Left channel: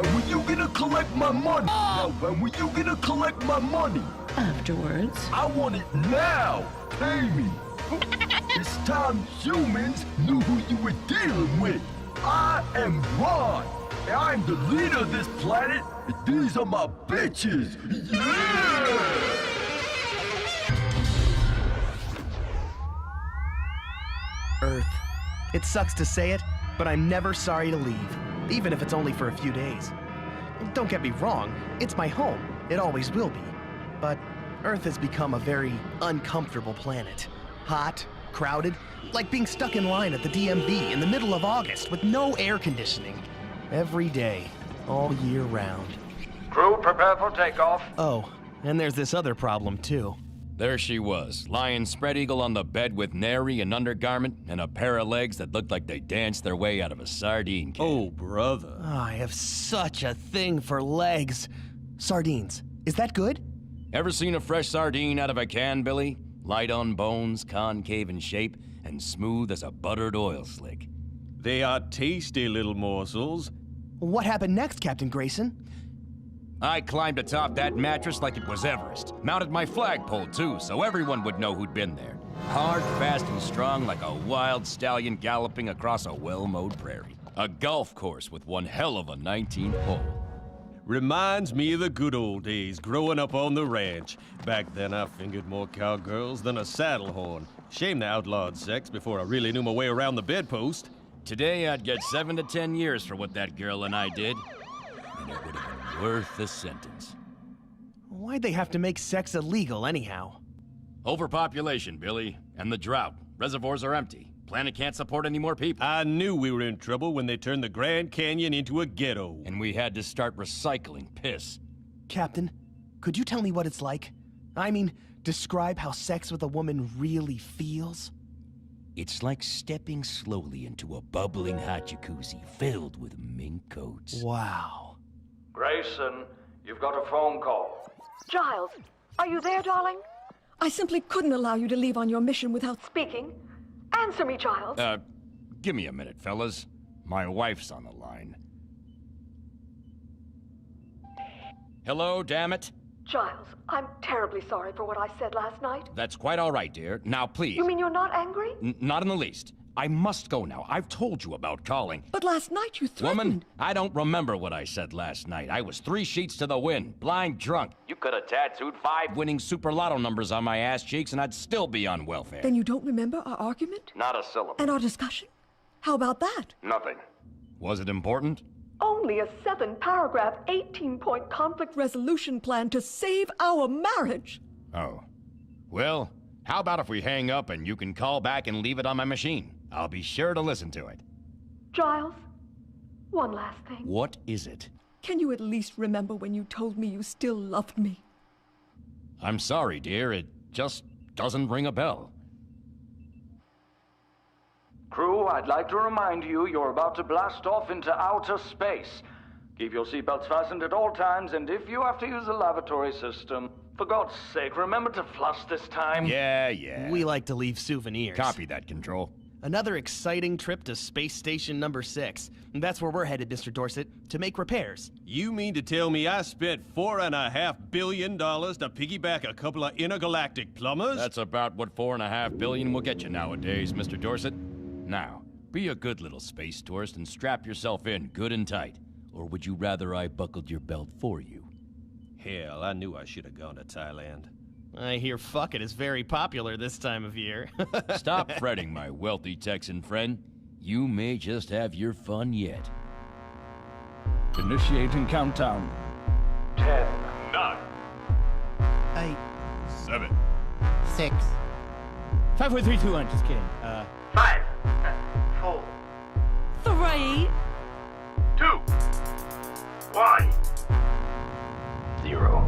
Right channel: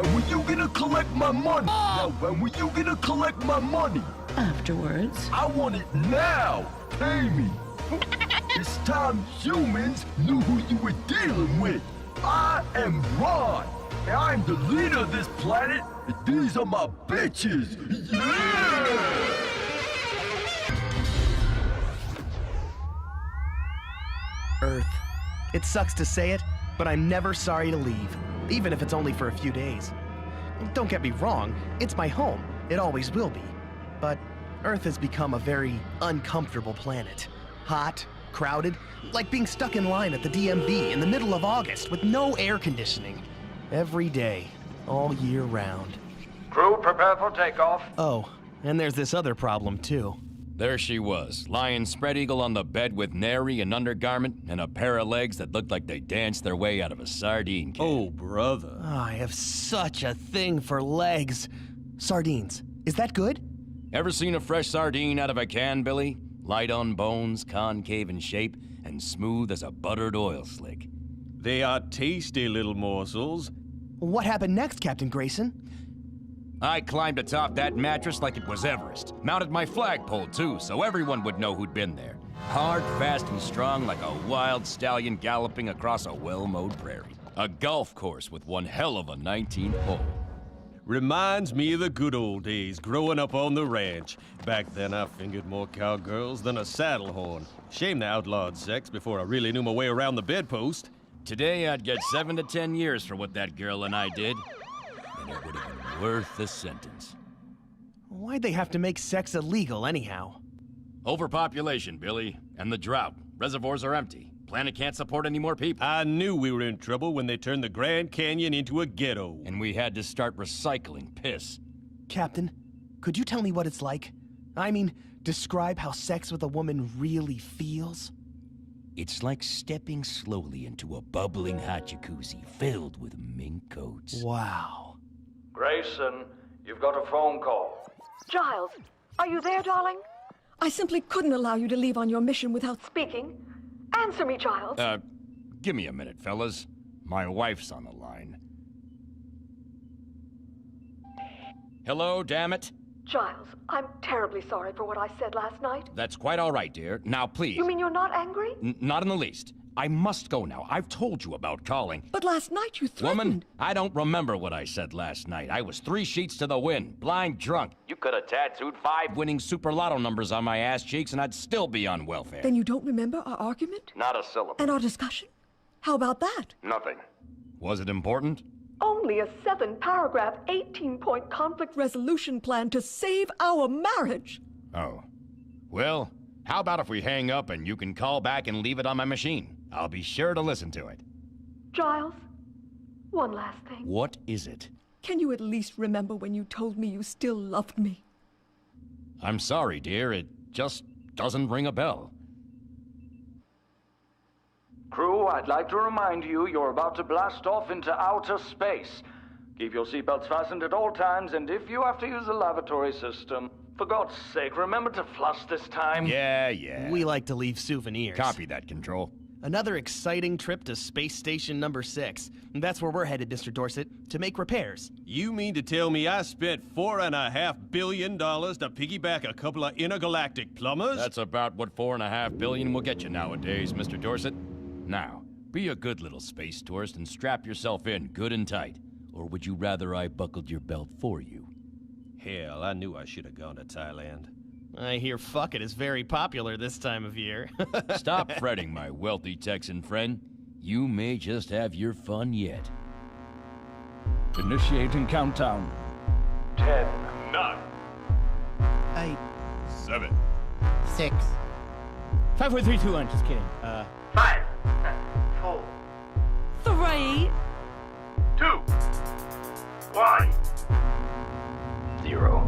when were you gonna collect my money? Now, when were you gonna collect my money? Afterwards. I want it now! Pay me! It's time humans knew who you were dealing with. I am Ron, and I'm the leader of this planet, and these are my bitches! Yeah! Earth. It sucks to say it, but I'm never sorry to leave, even if it's only for a few days. Don't get me wrong, it's my home. It always will be. But Earth has become a very uncomfortable planet. Hot, crowded, like being stuck in line at the DMV in the middle of August with no air conditioning. Every day, all year round. Crew, prepare for takeoff. Oh, and there's this other problem too. There she was, lying spread eagle on the bed with nary an undergarment and a pair of legs that looked like they danced their way out of a sardine can. Oh, brother. Oh, I have such a thing for legs. Sardines. Is that good? Ever seen a fresh sardine out of a can, Billy? Light on bones, concave in shape, and smooth as a buttered oil slick. They are tasty little morsels. What happened next, Captain Grayson? I climbed atop that mattress like it was Everest. Mounted my flagpole, too, so everyone would know who'd been there. Hard, fast, and strong like a wild stallion galloping across a well-mowed prairie. A golf course with one hell of a 19th hole. Reminds me of the good old days, growing up on the ranch. Back then, I fingered more cowgirls than a saddle horn. Shame they outlawed sex before I really knew my way around the bedpost. Today, I'd get 7 to 10 years for what that girl and I did. And it would have been worth the sentence. Why'd they have to make sex illegal anyhow? Overpopulation, Billy, and the drought. Reservoirs are empty. Planet can't support any more people. I knew we were in trouble when they turned the Grand Canyon into a ghetto. And we had to start recycling piss. Captain, could you tell me what it's like? I mean, describe how sex with a woman really feels? It's like stepping slowly into a bubbling hot jacuzzi filled with mink coats. Wow. Grayson, you've got a phone call. Giles, are you there, darling? I simply couldn't allow you to leave on your mission without speaking. Answer me, Giles. Give me a minute, fellas. My wife's on the line. Hello, damn it. Giles, I'm terribly sorry for what I said last night. That's quite all right, dear. Now, please. You mean you're not angry? Not in the least. I must go now. I've told you about calling. But last night you threatened. Woman, I don't remember what I said last night. I was 3 sheets to the wind, blind drunk. You could have tattooed 5 winning Super Lotto numbers on my ass cheeks and I'd still be on welfare. Then you don't remember our argument? Not a syllable. And our discussion? How about that? Nothing. Was it important? Only a 7-paragraph, 18-point conflict resolution plan to save our marriage. Oh. Well, how about if we hang up and you can call back and leave it on my machine? I'll be sure to listen to it. Giles, one last thing. What is it? Can you at least remember when you told me you still loved me? I'm sorry, dear. It just doesn't ring a bell. Crew, I'd like to remind you you're about to blast off into outer space. Keep your seatbelts fastened at all times, and if you have to use the lavatory system, for God's sake, remember to flush this time. Yeah. We like to leave souvenirs. Copy that, Control. Another exciting trip to Space Station number 6. That's where we're headed, Mr. Dorset, to make repairs. You mean to tell me I spent $4.5 billion to piggyback a couple of intergalactic plumbers? That's about what $4.5 billion will get you nowadays, Mr. Dorset. Now, be a good little space tourist and strap yourself in good and tight. Or would you rather I buckled your belt for you? Hell, I knew I should have gone to Thailand. I hear fucking is very popular this time of year. Stop fretting, my wealthy Texan friend. You may just have your fun yet. Initiating countdown. 10, 9, 8, 7. 6. 5, 4, 3, 2, 1. Just kidding. 5, 4, 3, 2, 1, 0.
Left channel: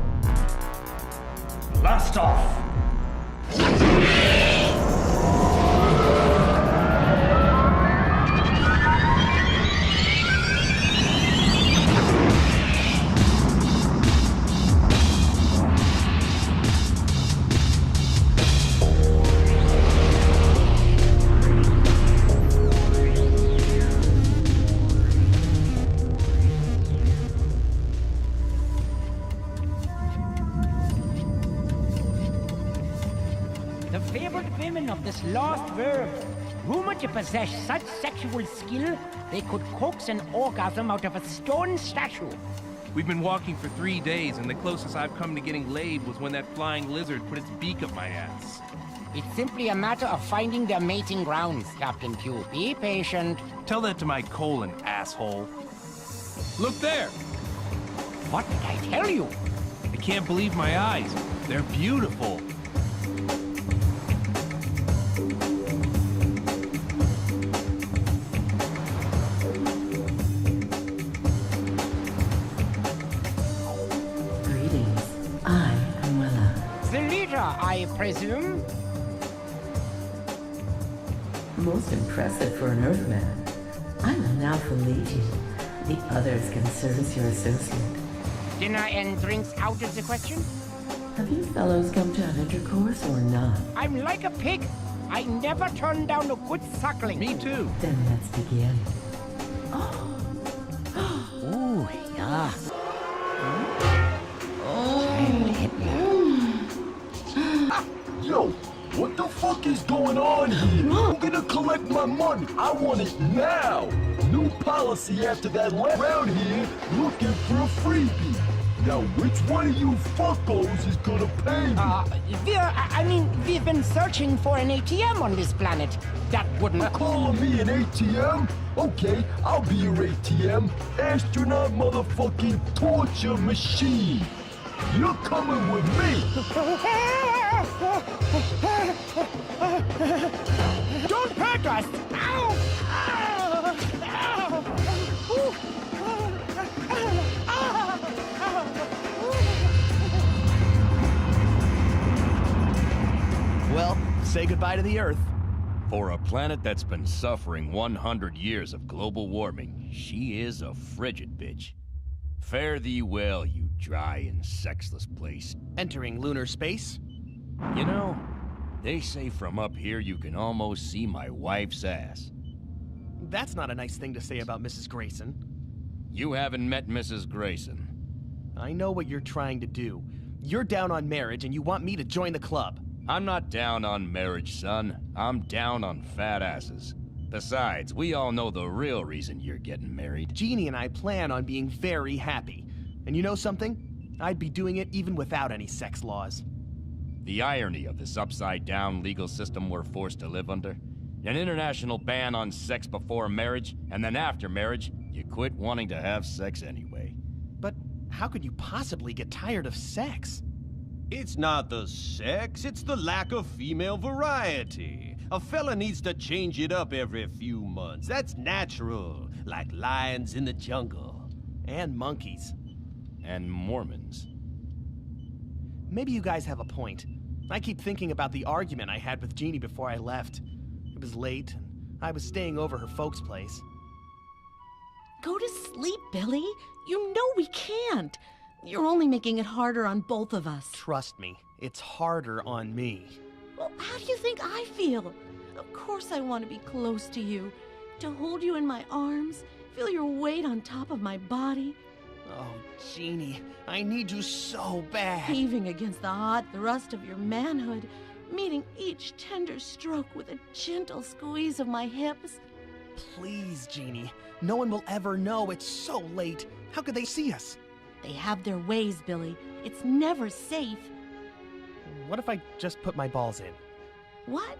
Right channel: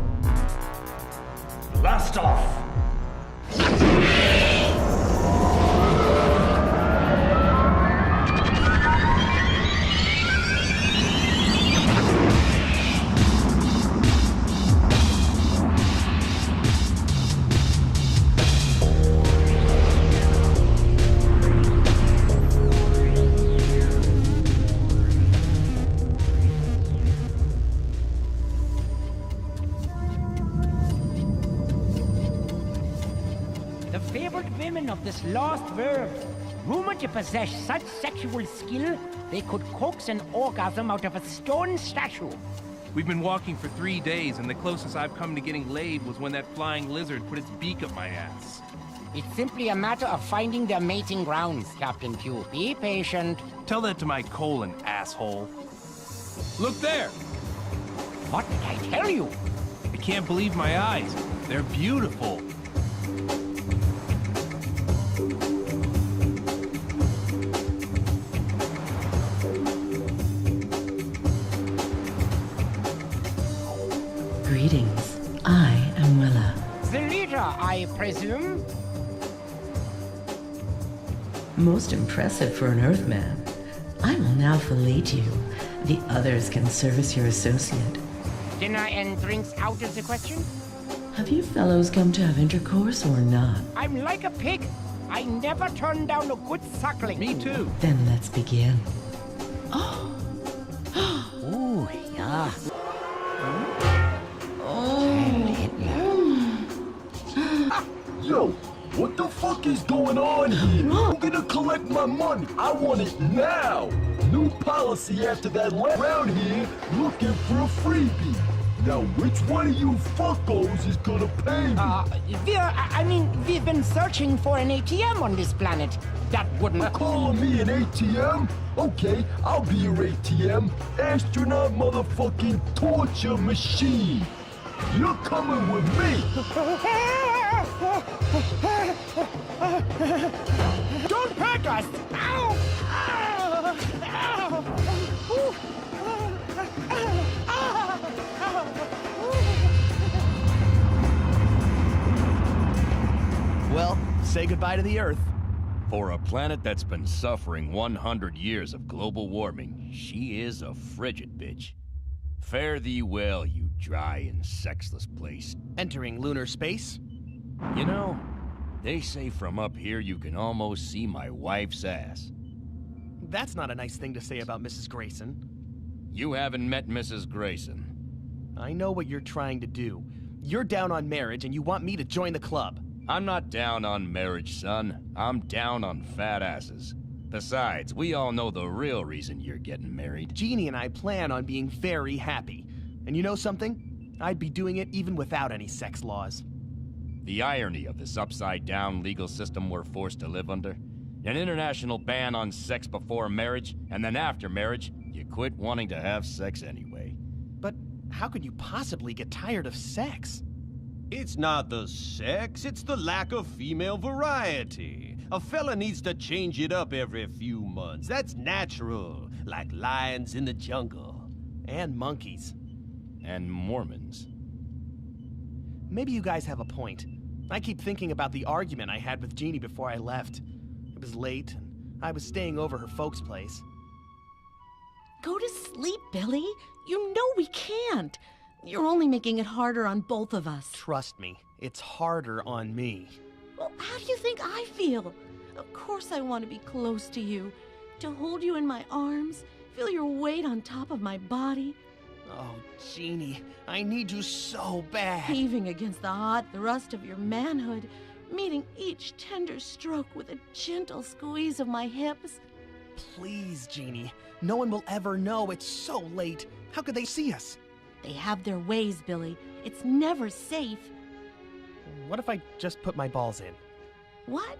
Blast off! the fabled women of this lost world, rumored to possess such sexual skill they could coax an orgasm out of a stone statue. We've been walking for 3 days, and the closest I've come to getting laid was when that flying lizard put its beak up my ass. It's simply a matter of finding their mating grounds, Captain Q. Be patient. Tell that to my colon, asshole. Look there! What did I tell you? I can't believe my eyes. They're beautiful. Greetings. I am Willa. The leader, I presume? Most impressive for an Earthman. I will now fillet you. The others can serve as your associate. Dinner and drinks out of the question? Have you fellows come to have intercourse or not? I'm like a pig. I never turn down a good suckling. Me too. Then let's begin. Ooh, yeah. Yo, what the fuck is going on here? I'm gonna collect my money. I want it now. New policy after that round here, looking for a freebie. Now, which one of you fuckos is gonna pay me? We've been searching for an ATM on this planet. That wouldn't... Calling me an ATM? Okay, I'll be your ATM. Astronaut motherfucking torture machine. You're coming with me. Don't hurt us! Ow! Ow! Ow! Ooh. Well, say goodbye to the Earth. For a planet that's been suffering 100 years of global warming, she is a frigid bitch. Fare thee well, you dry and sexless place. Entering lunar space? You know, they say from up here you can almost see my wife's ass. That's not a nice thing to say about Mrs. Grayson. You haven't met Mrs. Grayson. I know what you're trying to do. You're down on marriage and you want me to join the club. I'm not down on marriage, son. I'm down on fat asses. Besides, we all know the real reason you're getting married. Jeannie and I plan on being very happy. And you know something? I'd be doing it even without any sex laws. The irony of this upside-down legal system we're forced to live under. An international ban on sex before marriage, and then after marriage, you quit wanting to have sex anyway. But how could you possibly get tired of sex? It's not the sex, it's the lack of female variety. A fella needs to change it up every few months. That's natural, like lions in the jungle. And monkeys. And Mormons. Maybe you guys have a point. I keep thinking about the argument I had with Jeannie before I left. It was late, and I was staying over her folks' place. Go to sleep, Billy. You know we can't. You're only making it harder on both of us. Trust me, it's harder on me. Well, how do you think I feel? Of course I want to be close to you, to hold you in my arms, feel your weight on top of my body. Oh, Jeannie, I need you so bad. Heaving against the hot thrust of your manhood, meeting each tender stroke with a gentle squeeze of my hips. Please, Jeannie. No one will ever know. It's so late. How could they see us? They have their ways, Billy. It's never safe. What if I just put my balls in? What?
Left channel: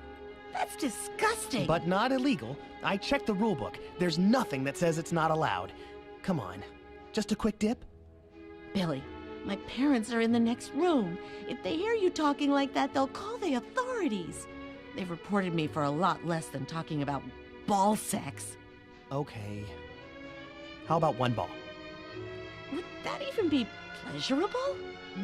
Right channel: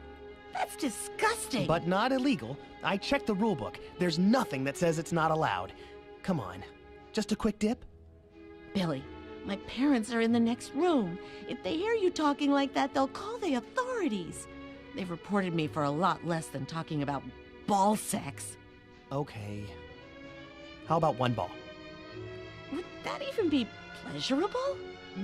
That's disgusting. But not illegal. I checked the rule book. There's nothing that says it's not allowed. Come on. Just a quick dip? Billy, my parents are in the next room. If they hear you talking like that, they'll call the authorities. They've reported me for a lot less than talking about ball sex. Okay. How about one ball? Would that even be pleasurable?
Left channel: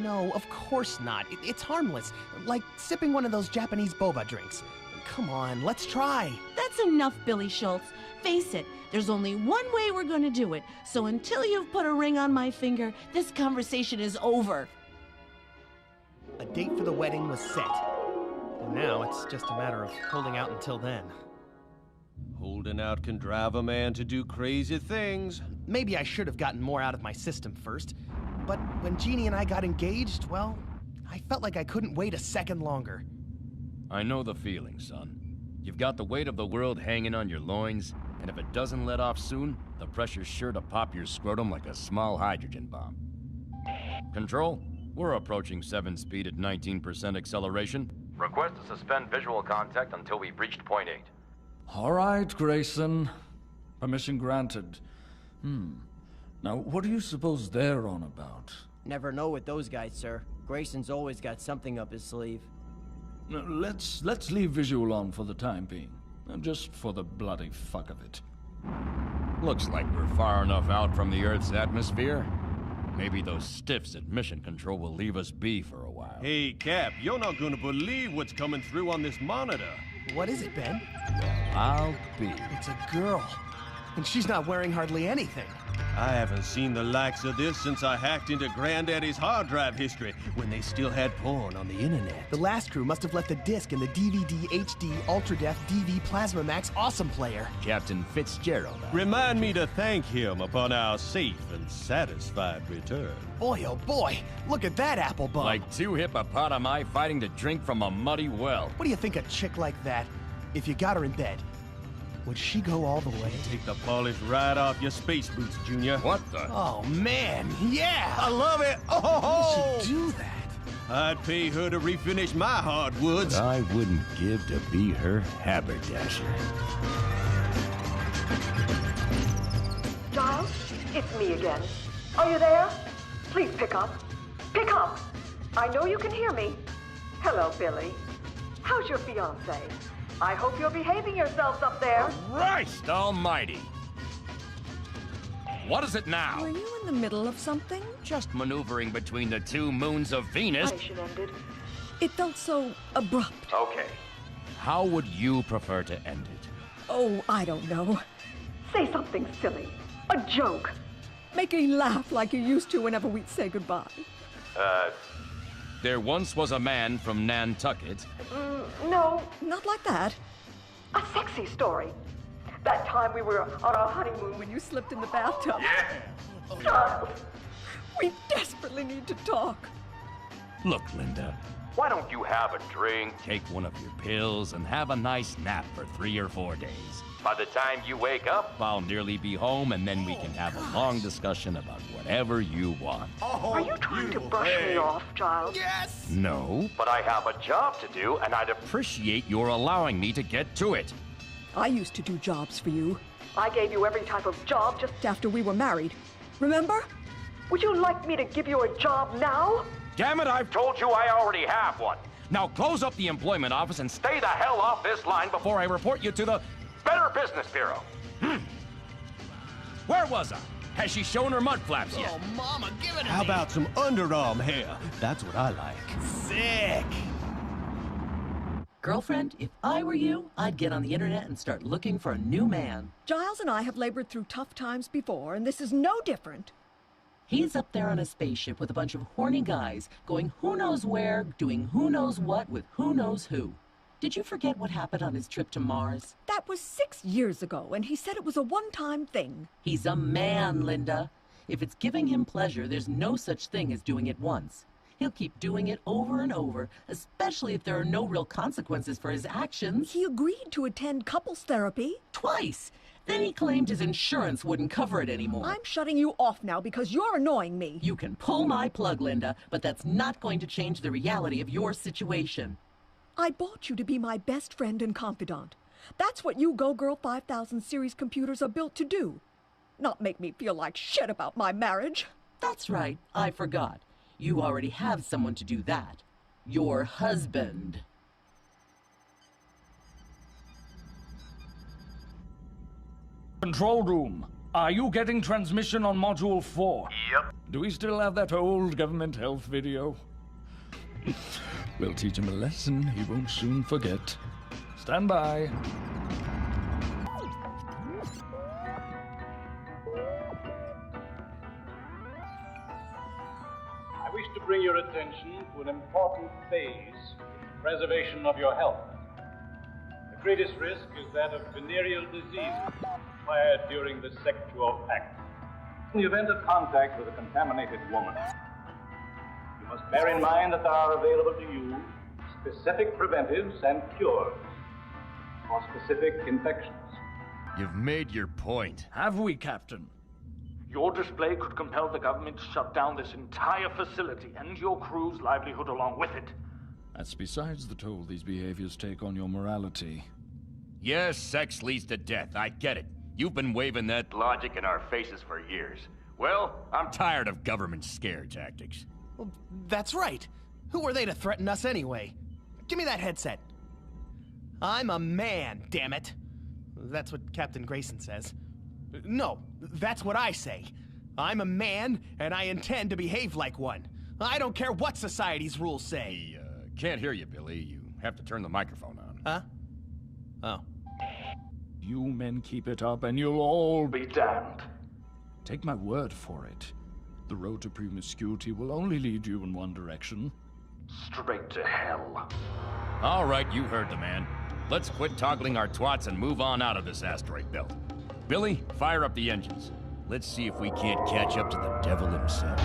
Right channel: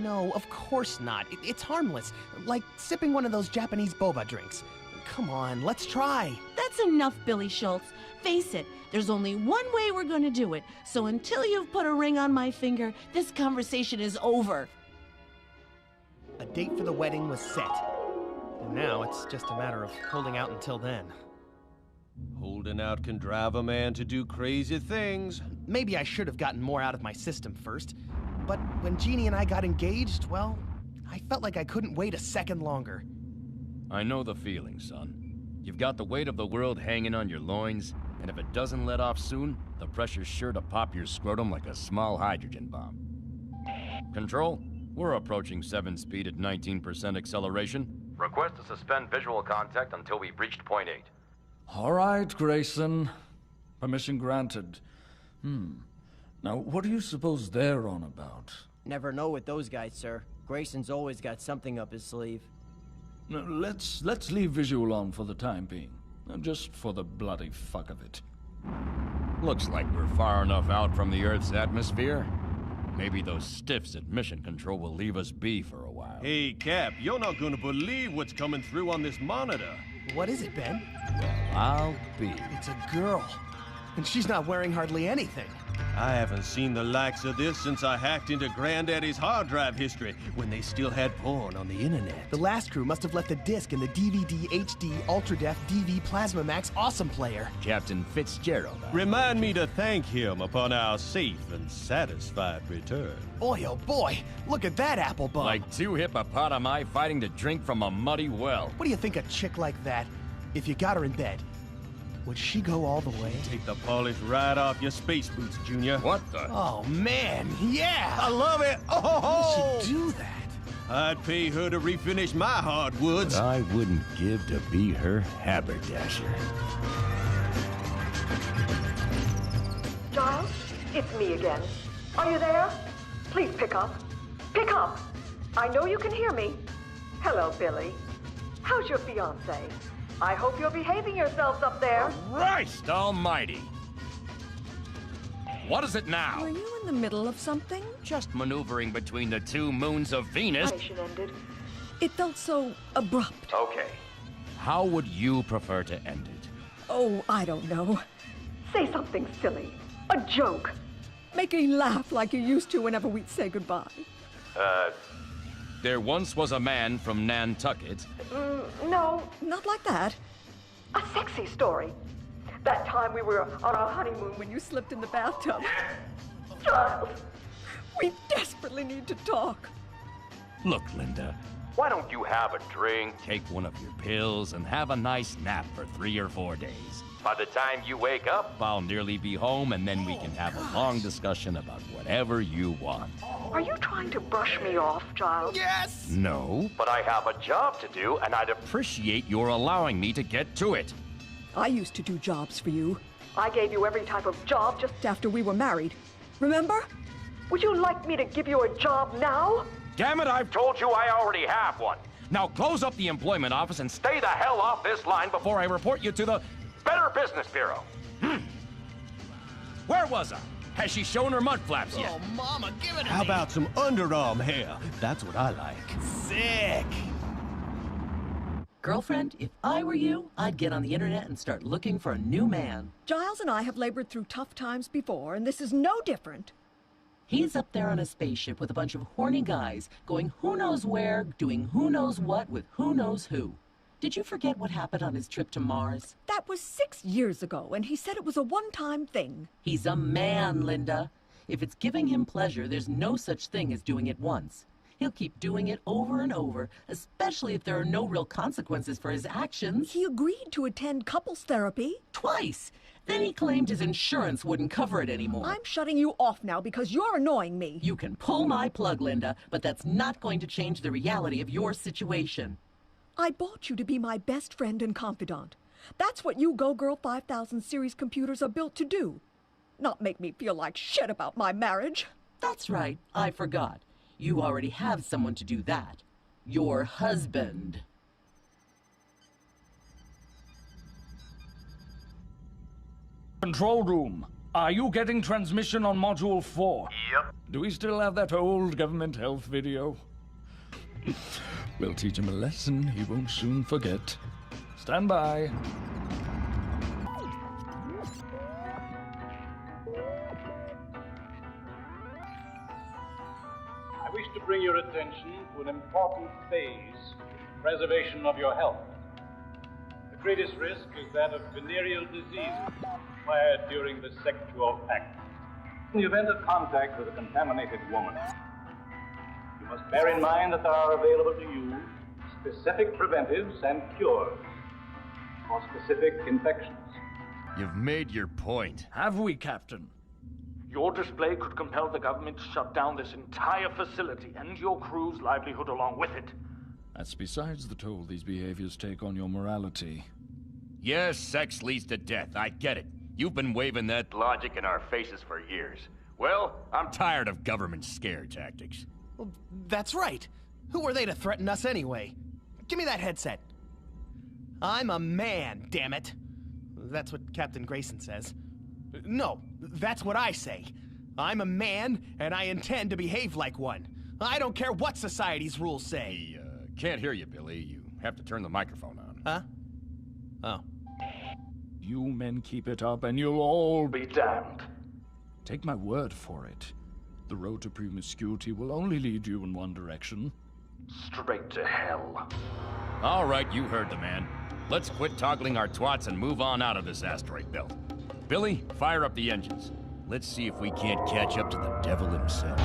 No, of course not. It's harmless. Like sipping one of those Japanese boba drinks. Come on, let's try. That's enough, Billy Schultz. Face it, there's only one way we're going to do it. So until you've put a ring on my finger, this conversation is over. A date for the wedding was set. And now it's just a matter of holding out until then. Holding out can drive a man to do crazy things. Maybe I should have gotten more out of my system first. But when Jeannie and I got engaged, well, I felt like I couldn't wait a second longer. I know the feeling, son. You've got the weight of the world hanging on your loins, and if it doesn't let off soon, the pressure's sure to pop your scrotum like a small hydrogen bomb. Control, we're approaching 7 speed at 19% acceleration. Request to suspend visual contact until we've reached point 8. All right, Grayson. Permission granted. Now, what do you suppose they're on about? Never know with those guys, sir. Grayson's always got something up his sleeve. Now, let's leave visual on for the time being. Just for the bloody fuck of it. Looks like we're far enough out from the Earth's atmosphere. Maybe those stiffs at Mission Control will leave us be for a while. Hey, Cap, you're not gonna believe what's coming through on this monitor. What is it, Ben? Well, I'll be. It's a girl. And she's not wearing hardly anything. I haven't seen the likes of this since I hacked into Granddaddy's hard drive history when they still had porn on the internet. The last crew must have left the disc in the DVD HD Ultra Def DV Plasma Max Awesome Player. Captain Fitzgerald. Remind me to thank him upon our safe and satisfied return. Boy, oh boy, look at that apple bum. Like 2 hippopotami fighting to drink from a muddy well. What do you think a chick like that, if you got her in bed, would she go all the way? Take the polish right off your space boots, Junior. What the? Oh, man, yeah! I love it! Oh! She'd do that. I'd pay her to refinish my hardwoods. I wouldn't give to be her haberdasher. Giles, it's me again. Are you there? Please pick up. Pick up! I know you can hear me. Hello, Billy. How's your fiancé? I hope you're behaving yourselves up there. Christ almighty! What is it now? Were you in the middle of something? Just maneuvering between the 2 moons of Venus. Mission ended. It felt so abrupt. Okay. How would you prefer to end it? Oh, I don't know. Say something silly. A joke. Make me laugh like you used to whenever we'd say goodbye. There once was a man from Nantucket. No, Not like that. a sexy story. That time we were on our honeymoon when you slipped in the bathtub. Yeah. Giles. We desperately need to talk. Look, Linda, why don't you have a drink, take one of your pills, and have a nice nap for 3 or 4 days? By the time you wake up, I'll nearly be home, and then we can have a long discussion about whatever you want. Are you trying to brush me off, Giles? Yes! No, but I have a job to do, and I'd appreciate your allowing me to get to it. I used to do jobs for you. I gave you every type of job just After we were married. Remember? Would you like me to give you a job now? Damn it, I've told you I already have one. Now close up the employment office and stay the hell off this line before I report you to the Better Business Bureau. Where was I? Has she shown her mud flaps yet? Oh, Mama, give it to How me. about some underarm hair? That's what I like. Sick! Girlfriend, if I were you, I'd get on the internet and start looking for a new man. Giles and I have labored through tough times before, and this is no different. He's up there on a spaceship with a bunch of horny guys, going who knows where, doing who knows what with who knows who. Did you forget what happened on his trip to Mars? That was 6 years ago, and he said it was a one-time thing. He's a man, Linda. If it's giving him pleasure, there's no such thing as doing it once. He'll keep doing it over and over, especially if there are no real consequences for his actions. He agreed to attend couples therapy. Twice. Then he claimed his insurance wouldn't cover it anymore. I'm shutting you off now because you're annoying me. You can pull my plug, Linda, but that's not going to change the reality of your situation. I bought you to be my best friend and confidant. That's what you Go Girl 5000 series computers are built to do. Not make me feel like shit about my marriage. That's right. I forgot. You already have someone to do that. Your husband. Control room. Are you getting transmission on Module 4? Yep. Do we still have that old government health video? We'll teach him a lesson he won't soon forget. Stand by. I wish to bring your attention to an important phase in the preservation of your health. The greatest risk is that of venereal diseases acquired during the sexual act. In the event of contact with a contaminated woman, you must bear in mind that there are available to you specific preventives and cures for specific infections. You've made your point. Have we, Captain? Your display could compel the government to shut down this entire facility and your crew's livelihood along with it. That's besides the toll these behaviors take on your morality. Yes, sex leads to death. I get it. You've been waving that logic in our faces for years. Well, I'm tired of government scare tactics. Well, that's right. Who are they to threaten us anyway? Give me that headset. I'm a man, damn it. That's what Captain Grayson says. No, that's what I say. I'm a man, and I intend to behave like one. I don't care what society's rules say. Can't hear you, Billy. You have to turn the microphone on. Huh? Oh. You men keep it up, and you'll all Be damned. Take my word for it. The road to promiscuity will only lead you in one direction. Straight to hell. All right, you heard the man. Let's quit toggling our twats and move on out of this asteroid belt. Billy, fire up the engines. Let's see if we can't catch up to the devil himself.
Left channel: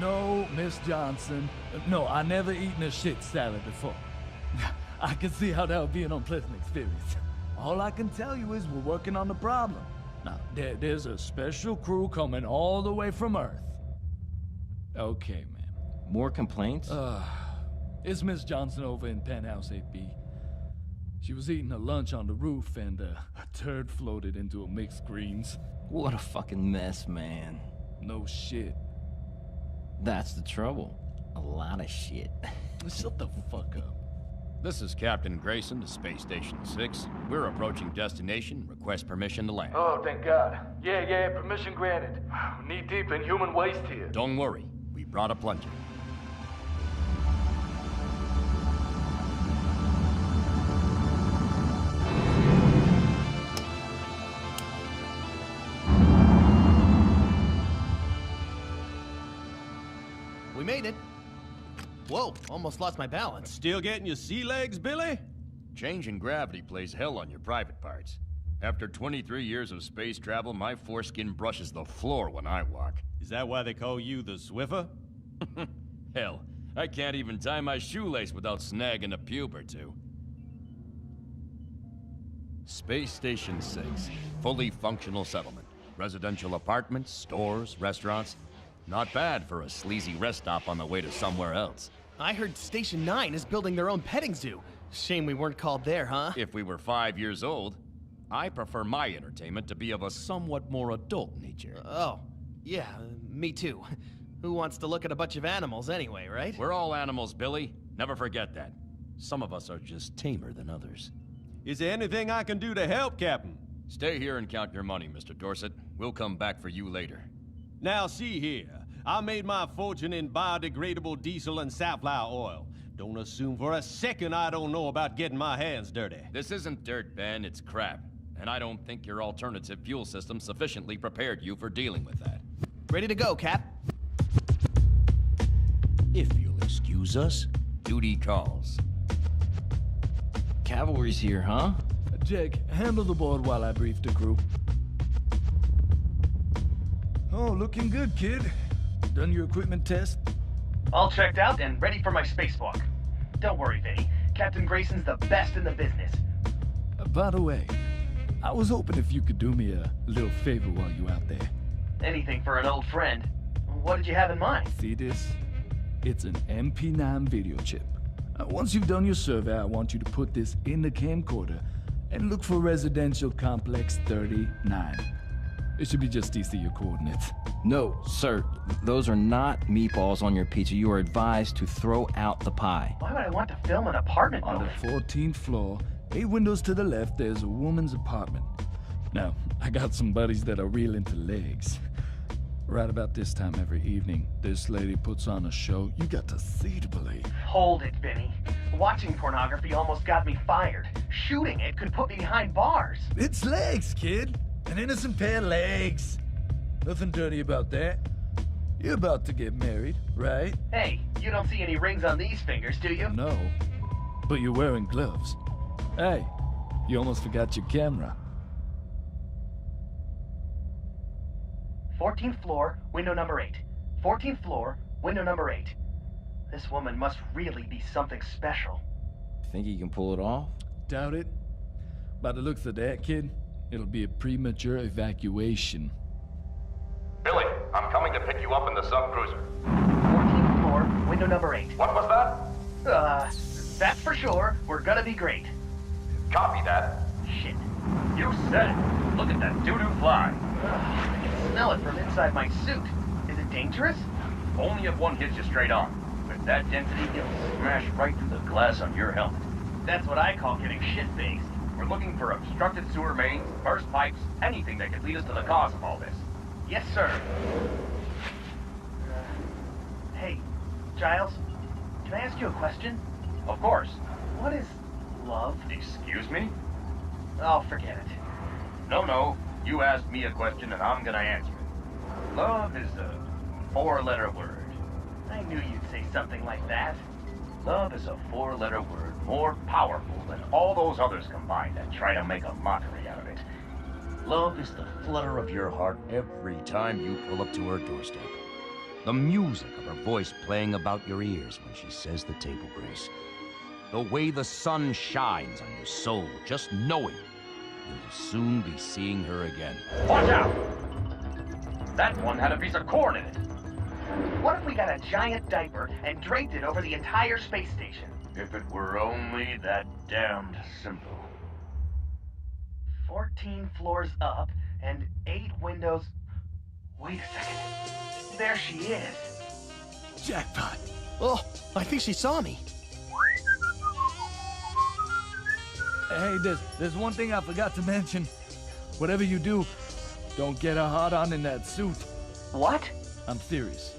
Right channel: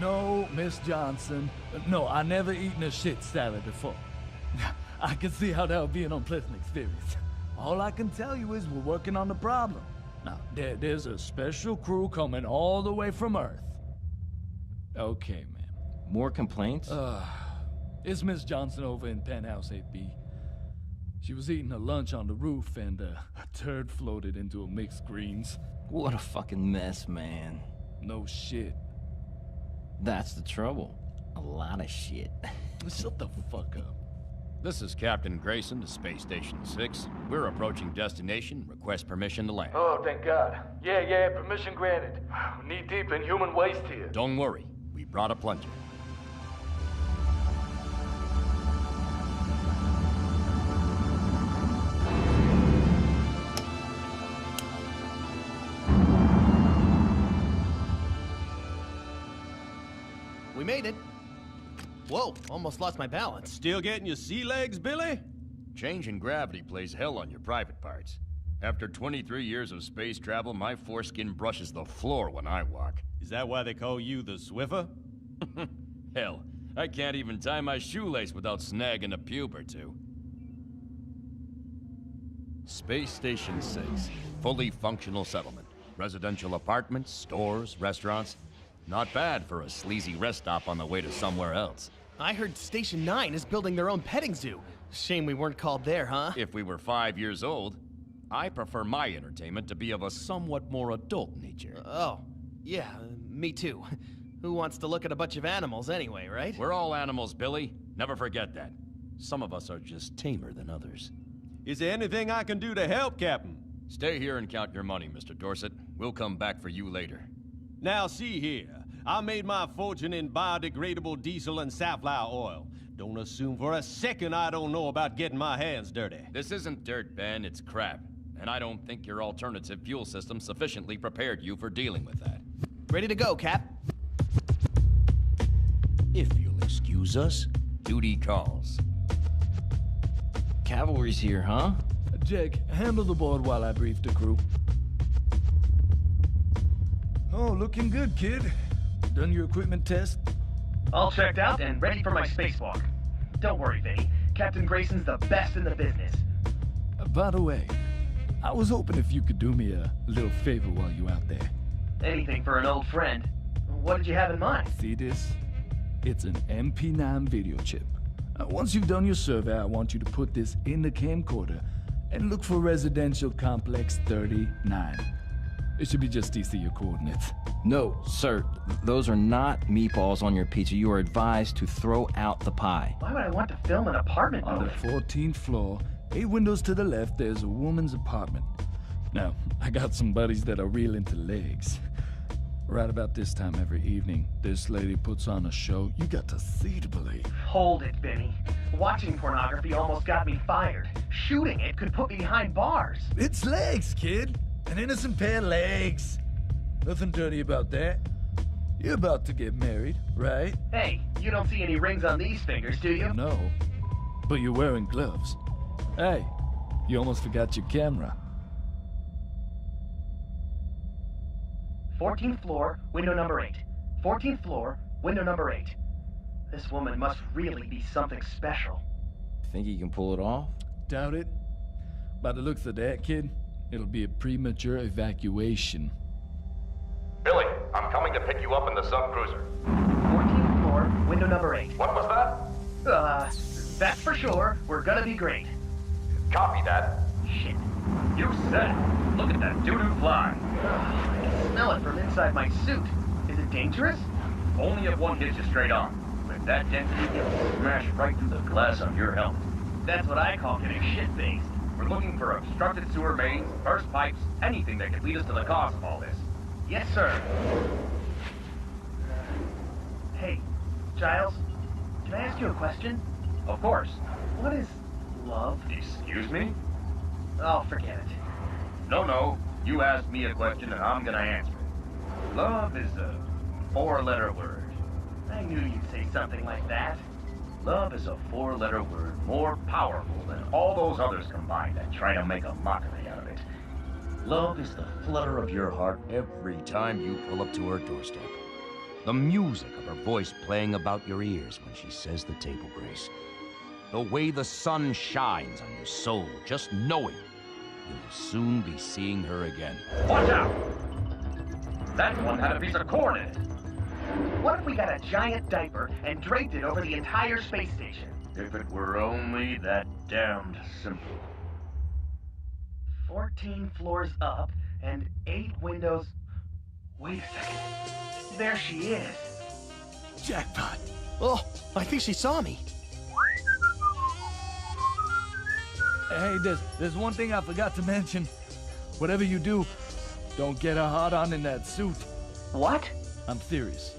No, Miss Johnson. No, I never eaten a shit salad before. I can see how that would be an unpleasant experience. All I can tell you is we're working on the problem. Now, there's a special crew coming all the way from Earth. Okay, ma'am. More complaints? It's Miss Johnson over in Penthouse 8B. She was eating her lunch on the roof and a turd floated into a mixed greens. What a fucking mess, man. No shit. That's the trouble. A lot of shit. Shut the fuck up. This is Captain Grayson to Space Station 6. We're approaching destination. Request permission to land. Oh, thank God. Yeah, permission granted. Knee deep in human waste here. Don't worry. We brought a plunger. We made it. Whoa, almost lost my balance. Still getting your sea legs, Billy? Change in gravity plays hell on your private parts. After 23 years of space travel, my foreskin brushes the floor when I walk. Is that why they call you the Swiffer? Hell, I can't even tie my shoelace without snagging a pube or two. Space Station 6. Fully functional settlement. Residential apartments, stores, restaurants. Not bad for a sleazy rest stop on the way to somewhere else. I heard Station 9 is building their own petting zoo. Shame we weren't called there, huh? If we were 5 years old, I prefer my entertainment to be of a somewhat more adult nature. Oh, yeah, me too. Who wants to look at a bunch of animals anyway, right? We're all animals, Billy. Never forget that. Some of us are just tamer than others. Is there anything I can do to help, Captain? Stay here and count your money, Mr. Dorset. We'll come back for you later. Now, see here. I made my fortune in biodegradable diesel and safflower oil. Don't assume for a second I don't know about getting my hands dirty. This isn't dirt, Ben. It's crap. And I don't think your alternative fuel system sufficiently prepared you for dealing with that. Ready to go, Cap. If you'll excuse us, duty calls. Cavalry's here, huh? Jake, handle the board while I brief the crew. Oh, looking good, kid. Done your equipment test? All checked out and ready for my spacewalk. Don't worry, Vinny. Captain Grayson's the best in the business. By the way, I was hoping if you could do me a little favor while you out there. Anything for an old friend. What did you have in mind? See this? It's an MP9 video chip. Once you've done your survey, I want you to put this in the camcorder and look for residential complex 39. It should be just east of your coordinates. No, sir. Those are not meatballs on your pizza. You are advised to throw out the pie. Why would I want to film an apartment On building? the 14th floor, 8 windows to the left, there's a woman's apartment. Now, I got some buddies that are real into legs. Right about this time every evening, this lady puts on a show you got to see to believe. Hold it, Vinny. Watching pornography almost got me fired. Shooting it could put me behind bars. It's legs, kid. An innocent pair of legs. Nothing dirty about that. You're about to get married, right? Hey, you don't see any rings on these fingers, do you? No, but you're wearing gloves. Hey, you almost forgot your camera. 14th floor, window number 8. 14th floor, window number 8. This woman must really be something special. Think he can pull it off? Doubt it. By the looks of that, kid, it'll be a premature evacuation. Billy, I'm coming to pick you up in the subcruiser. 14th floor, window number 8. What was that? That's for sure. We're gonna be great. Copy that. Shit. You said it. Look at that doo-doo fly. I can smell it from inside my suit. Is it dangerous? Only if one hits you straight on. With that density, it'll smash right through the glass on your helmet. That's what I call getting shit-faced. We're looking for obstructed sewer mains, burst pipes, anything that could lead us to the cause of all this. Yes, sir. Hey, Giles, can I ask you a question? Of course. What is love? Excuse me? Oh, forget it. No. You asked me a question and I'm gonna answer it. Love is a 4-letter word. I knew you'd say something like that. Love is a 4-letter word more powerful than all those others combined that try to make a mockery out of it. Love is the flutter of your heart every time you pull up to her doorstep. The music of her voice playing about your ears when she says the table grace. The way the sun shines on your soul, just knowing you'll soon be seeing her again. Watch out! That one had a piece of corn in it. What if we got a giant diaper and draped it over the entire space station? If it were only that damned simple. 14 floors up and 8 windows. Wait a second. There she is. Jackpot. Oh, I think she saw me. Hey, there's one thing I forgot to mention. Whatever you do, don't get a hard-on in that suit. What? I'm serious.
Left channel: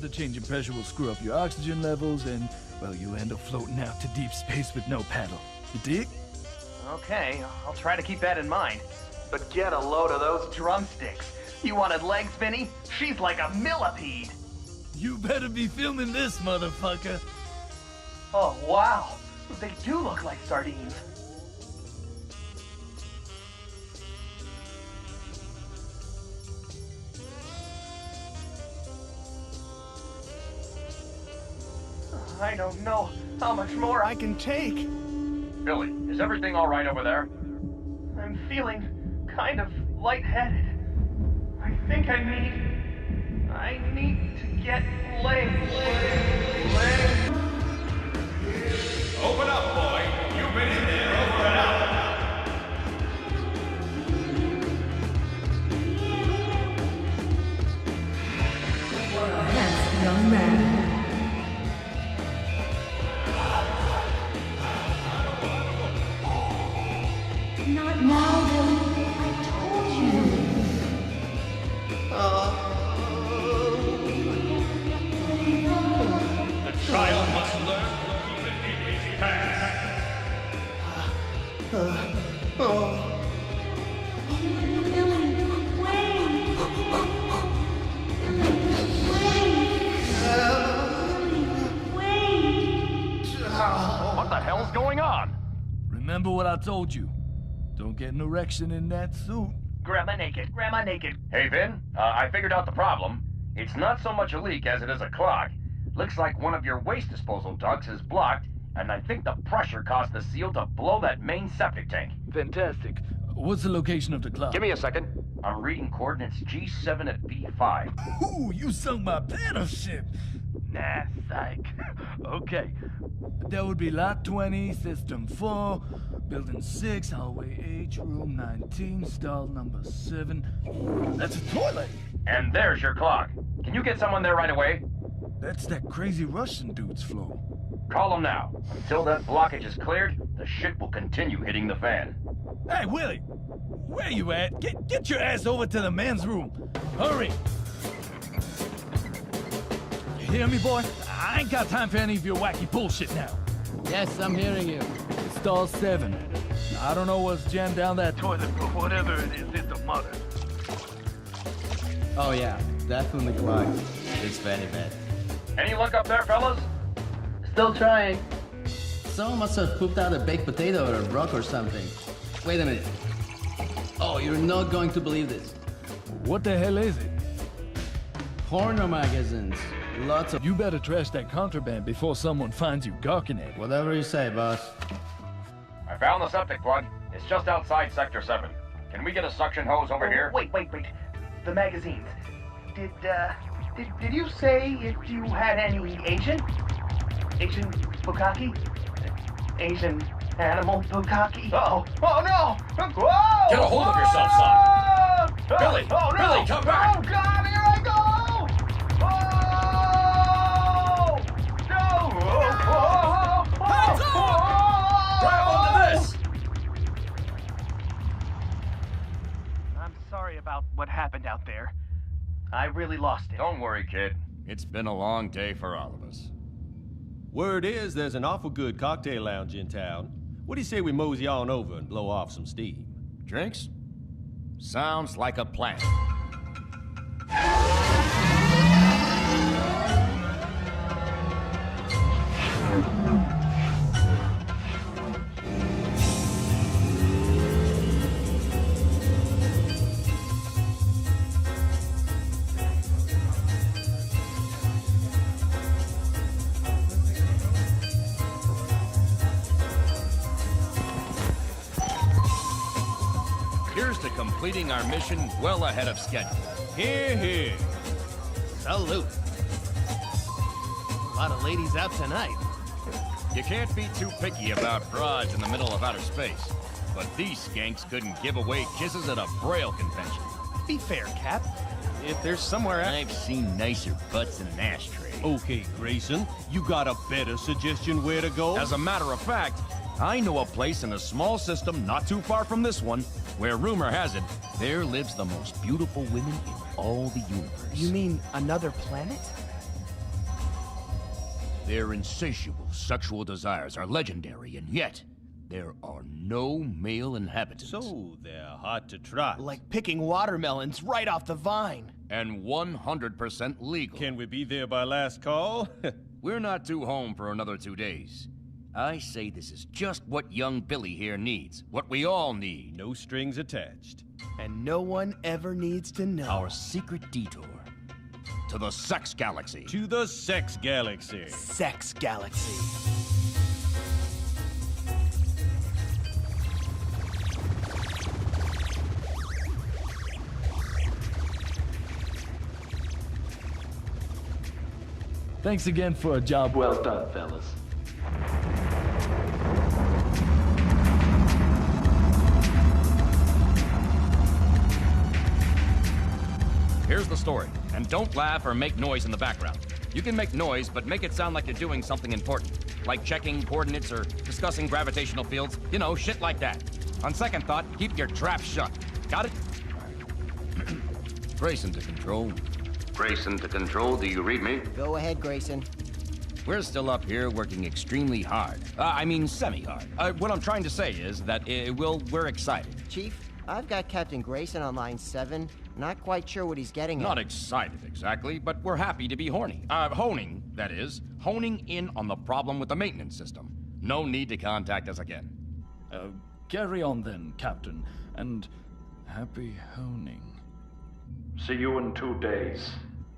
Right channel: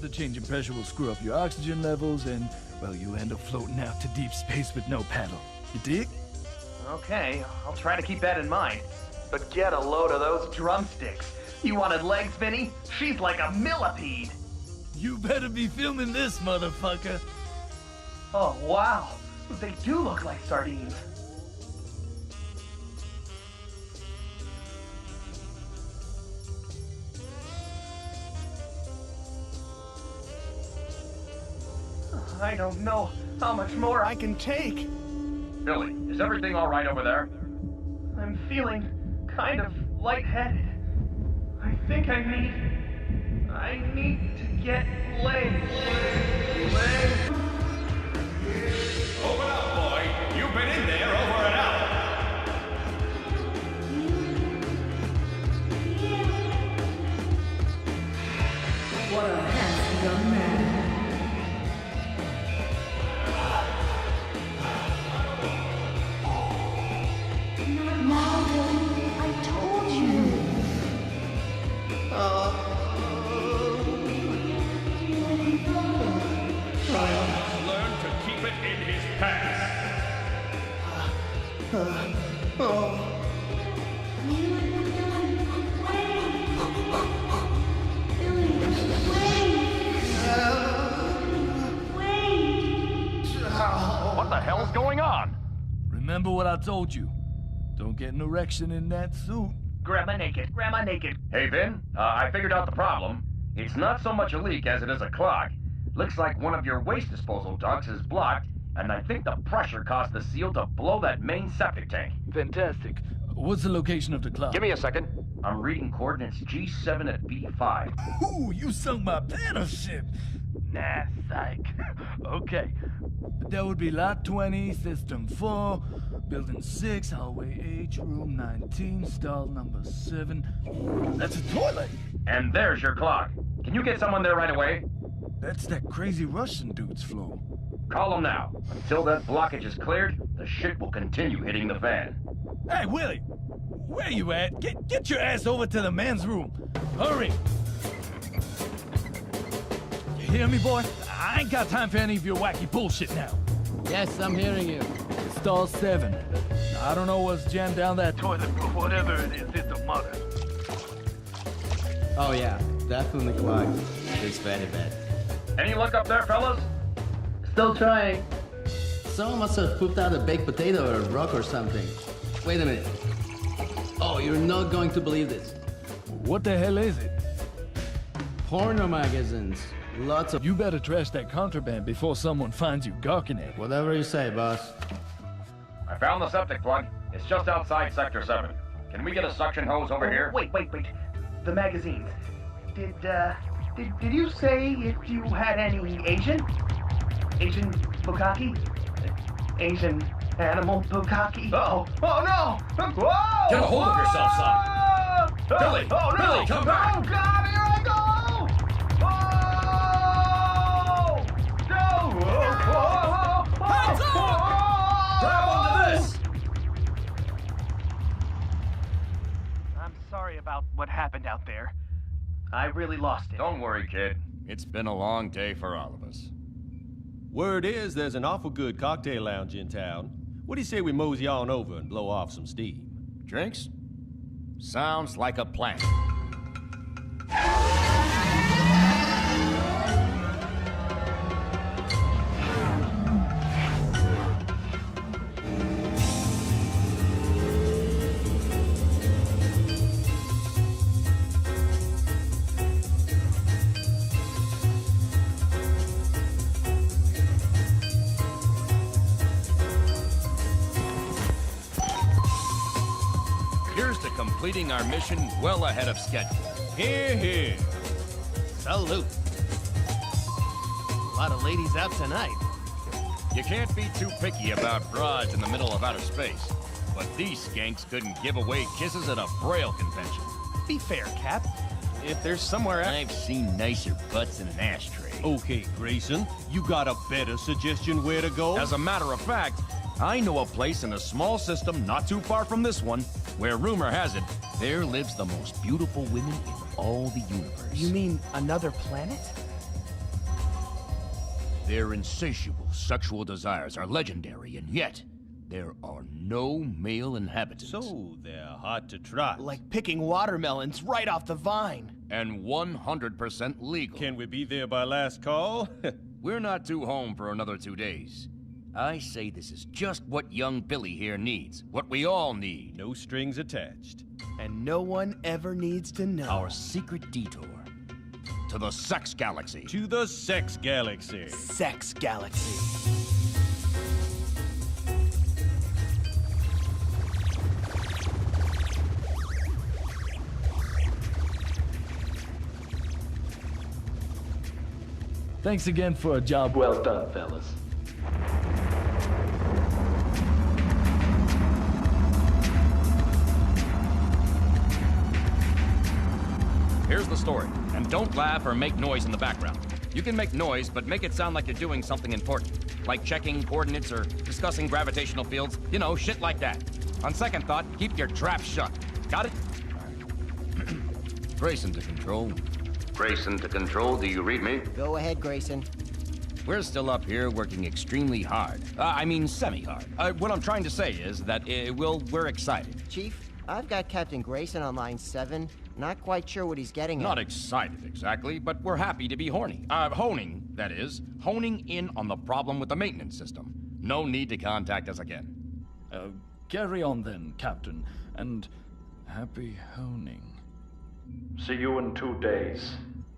The change in pressure will screw up your oxygen levels and, well, you end up floating out to deep space with no paddle. You dig? Okay, I'll try to keep that in mind. But get a load of those drumsticks. You wanted legs, Vinny? She's like a millipede. You better be filming this, motherfucker. Oh, wow. They do look like sardines. I don't know how much more I can take. Billy, is everything all right over there? I'm feeling kind of lightheaded. I think I need to get legs. Open up, boy. You've been in there over an hour. What a handsome young man. Not now, Billy. I told you. The child must learn to keep it in his pants. What the hell's going on? Remember what I told you. Don't get an erection in that suit. Grandma naked. Hey, Vin, I figured out the problem. It's not so much a leak as it is a clog. Looks like one of your waste disposal ducts is blocked, and I think the pressure caused the seal to blow that main septic tank. Fantastic. What's the location of the cloud? Give me a second. I'm reading coordinates G7 at B5. Ooh, you sunk my battleship. Nah, psych. Okay. That would be Lot 20, System 4, Building 6, Hallway H, Room 19, stall number 7. That's a toilet. And there's your clock. Can you get someone there right away? That's that crazy Russian dude's floor. Call him now. Until that blockage is cleared, the shit will continue hitting the fan. Hey, Willie! Where you at? Get your ass over to the men's room. Hurry! You hear me, boy? I ain't got time for any of your wacky bullshit now. Yes, I'm hearing you. It's stall 7. I don't know what's jammed down that toilet, but whatever it is, it's a mother. Oh yeah, definitely clogged. It's very bad. Any luck up there, fellas? Still trying. Someone must have pooped out a baked potato or a rock or something. Wait a minute. Oh, you're not going to believe this. What the hell is it? Porno magazines. Lots of... You better trash that contraband before someone finds you gawking at it. Whatever you say, boss. I found the septic plug. It's just outside Sector 7. Can we get a suction hose over here? Wait. The magazines. Did you say if you had any Asian bukkake? Asian animal bukkake? Oh no! Whoa! Get a hold of yourself, son! Billy! Oh, no. Billy, come back! Oh, God, here I go! Oh! No! Grab onto this! I'm sorry about what happened out there. I really lost it. Don't worry, kid. It's been a long day for all of us. Word is there's an awful good cocktail lounge in town. What do you say we mosey on over and blow off some steam? Drinks? Sounds like a plan. Here's to completing our mission well ahead of schedule. Here, here. Salute. A lot of ladies out tonight. You can't be too picky about brides in the middle of outer space, but these skanks couldn't give away kisses at a Braille convention. Be fair, Cap. If there's somewhere I've seen nicer butts than an ashtray. Okay, Grayson, you got a better suggestion where to go? As a matter of fact, I know a place in a small system not too far from this one, where rumor has it, there lives the most beautiful women in all the universe. You mean another planet? Their insatiable sexual desires are legendary, and yet there are no male inhabitants. So they're hard to trot. Like picking watermelons right off the vine. And 100% legal. Can we be there by last call? We're not due home for another 2 days. I say this is just what young Billy here needs. What we all need. No strings attached. And no one ever needs to know. Our secret detour to the Sex Galaxy. To the Sex Galaxy. Sex Galaxy. Thanks again for a job well done, fellas. Here's the story, and don't laugh or make noise in the background. You can make noise, but make it sound like you're doing something important, like checking coordinates or discussing gravitational fields, you know, shit like that. On second thought, keep your trap shut. Got it? Grayson to control. Grayson to control, do you read me? Go ahead, Grayson. We're still up here working extremely hard. I mean semi-hard. What I'm trying to say is that we're excited. Chief, I've got Captain Grayson on line 7. Not quite sure what he's getting at. Not excited exactly, but we're happy to be honing, that is, honing in on the problem with the maintenance system. No need to contact us again. Carry on then, Captain, and happy honing. See you in 2 days.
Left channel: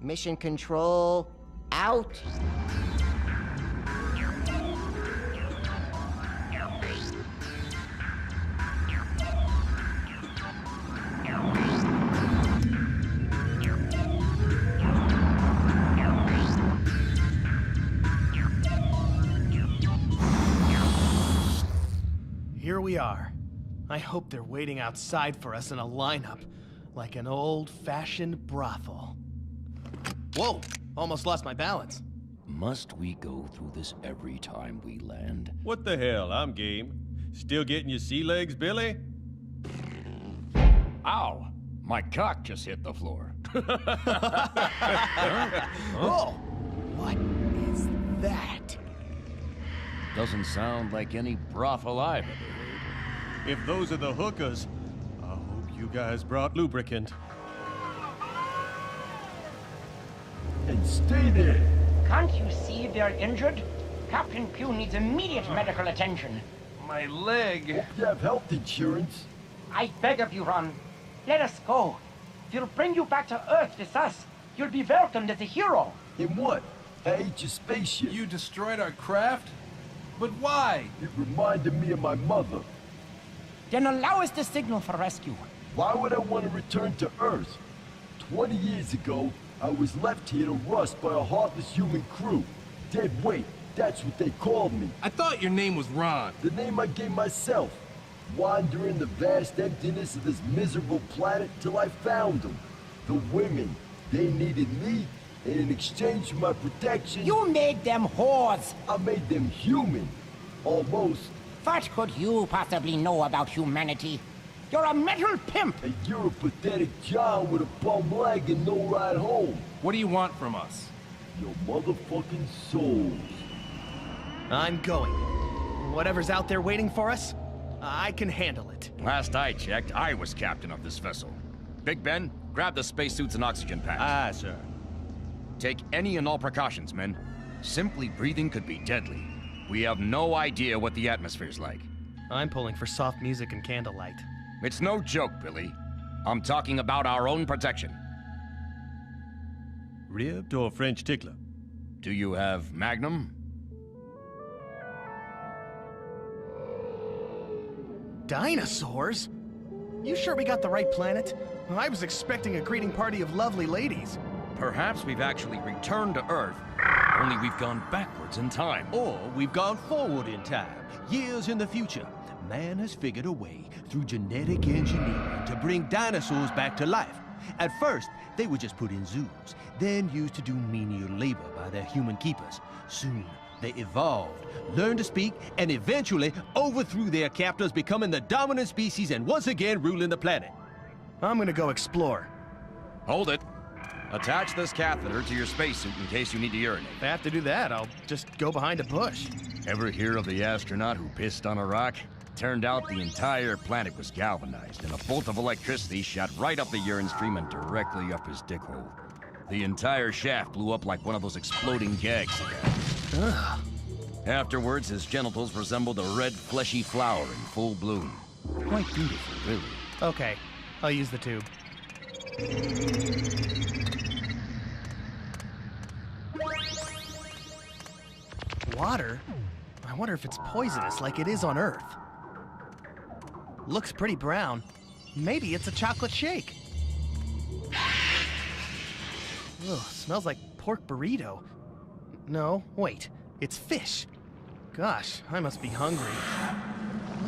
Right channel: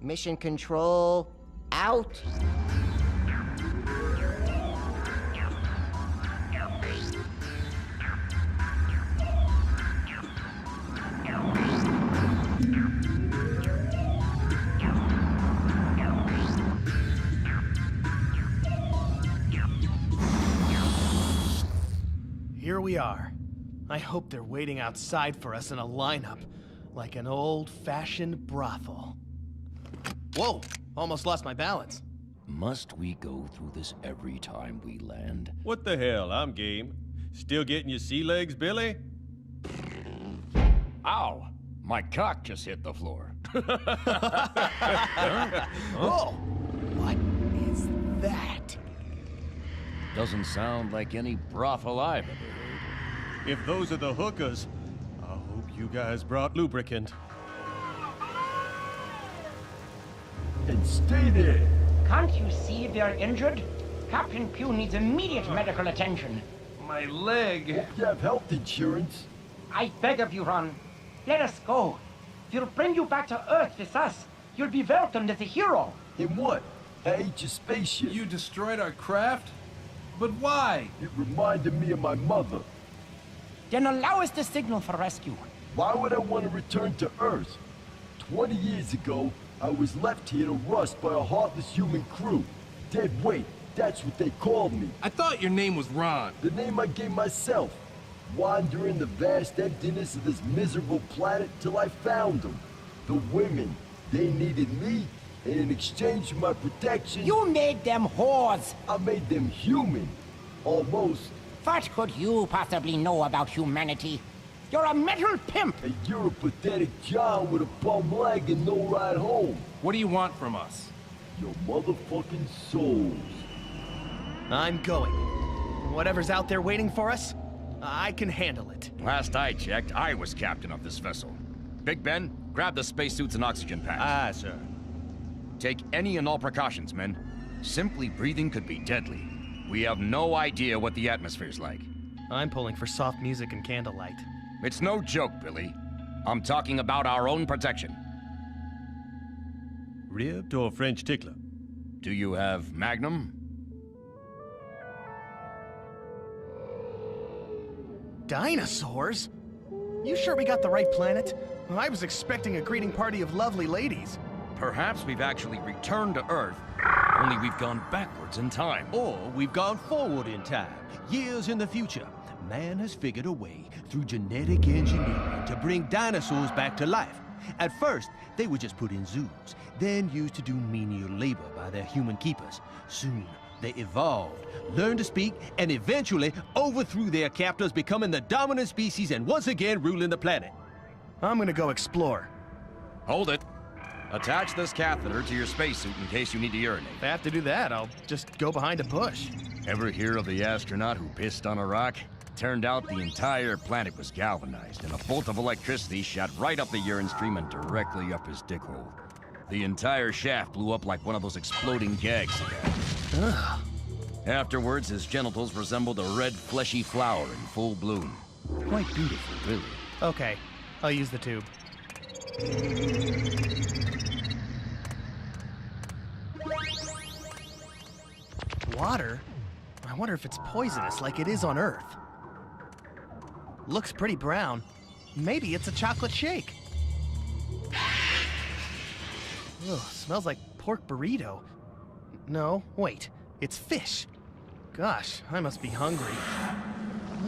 Mission control, out. Here we are. I hope they're waiting outside for us in a lineup, like an old-fashioned brothel. Whoa! Almost lost my balance. Must we go through this every time we land? What the hell? I'm game. Still getting your sea legs, Billy? Ow! My cock just hit the floor. Whoa! What is that? Doesn't sound like any brothel I've ever heard. If those are the hookers, I hope you guys brought lubricant. And stay there. Can't you see they're injured? Captain Pugh needs immediate medical attention. My leg. Hope you have health insurance. I beg of you, Ron. Let us go. We'll bring you back to Earth with us. You'll be welcomed as a hero. In what? I ate your spaceship. You destroyed our craft? But why? It reminded me of my mother. Then allow us the signal for rescue. Why would I want to return to Earth? 20 years ago, I was left here to rust by a heartless human crew. Dead weight, that's what they called me. I thought your name was Ron. The name I gave myself. Wandering the vast emptiness of this miserable planet till I found them. The women, they needed me, and in exchange for my protection... You made them whores. I made them human. Almost. What could you possibly know about humanity? You're a mental pimp. And you're a pathetic John with a bum leg and no ride home. What do you want from us? Your motherfucking souls. I'm going. Whatever's out there waiting for us, I can handle it. Last I checked, I was captain of this vessel. Big Ben, grab the spacesuits and oxygen packs. Aye, sir. Take any and all precautions, men. Simply breathing could be deadly. We have no idea what the atmosphere's like. I'm pulling for soft music and candlelight. It's no joke, Billy. I'm talking about our own protection. Ribbed or French tickler? Do you have Magnum? Dinosaurs? You sure we got the right planet? I was expecting a greeting party of lovely ladies. Perhaps we've actually returned to Earth, only we've gone backwards in time. Or we've gone forward in time, years in the future. Man has figured a way through genetic engineering to bring dinosaurs back to life. At first, they were just put in zoos, then used to do menial labor by their human keepers. Soon, they evolved, learned to speak, and eventually overthrew their captors, becoming the dominant species and once again ruling the planet. I'm gonna go explore. Hold it. Attach this catheter to your spacesuit in case you need to urinate. If I have to do that, I'll just go behind a bush. Ever hear of the astronaut who pissed on a rock? Turned out the entire planet was galvanized, and a bolt of electricity shot right up the urine stream and directly up his dick hole. The entire shaft blew up like one of those exploding gags he had. Ugh. Afterwards, his genitals resembled a red, fleshy flower in full bloom. Quite beautiful, really. Okay, I'll use the tube. Water? I wonder if it's poisonous like it is on Earth. Looks pretty brown. Maybe it's a chocolate shake. Ugh, smells like pork burrito. No, wait, it's fish. Gosh, I must be hungry.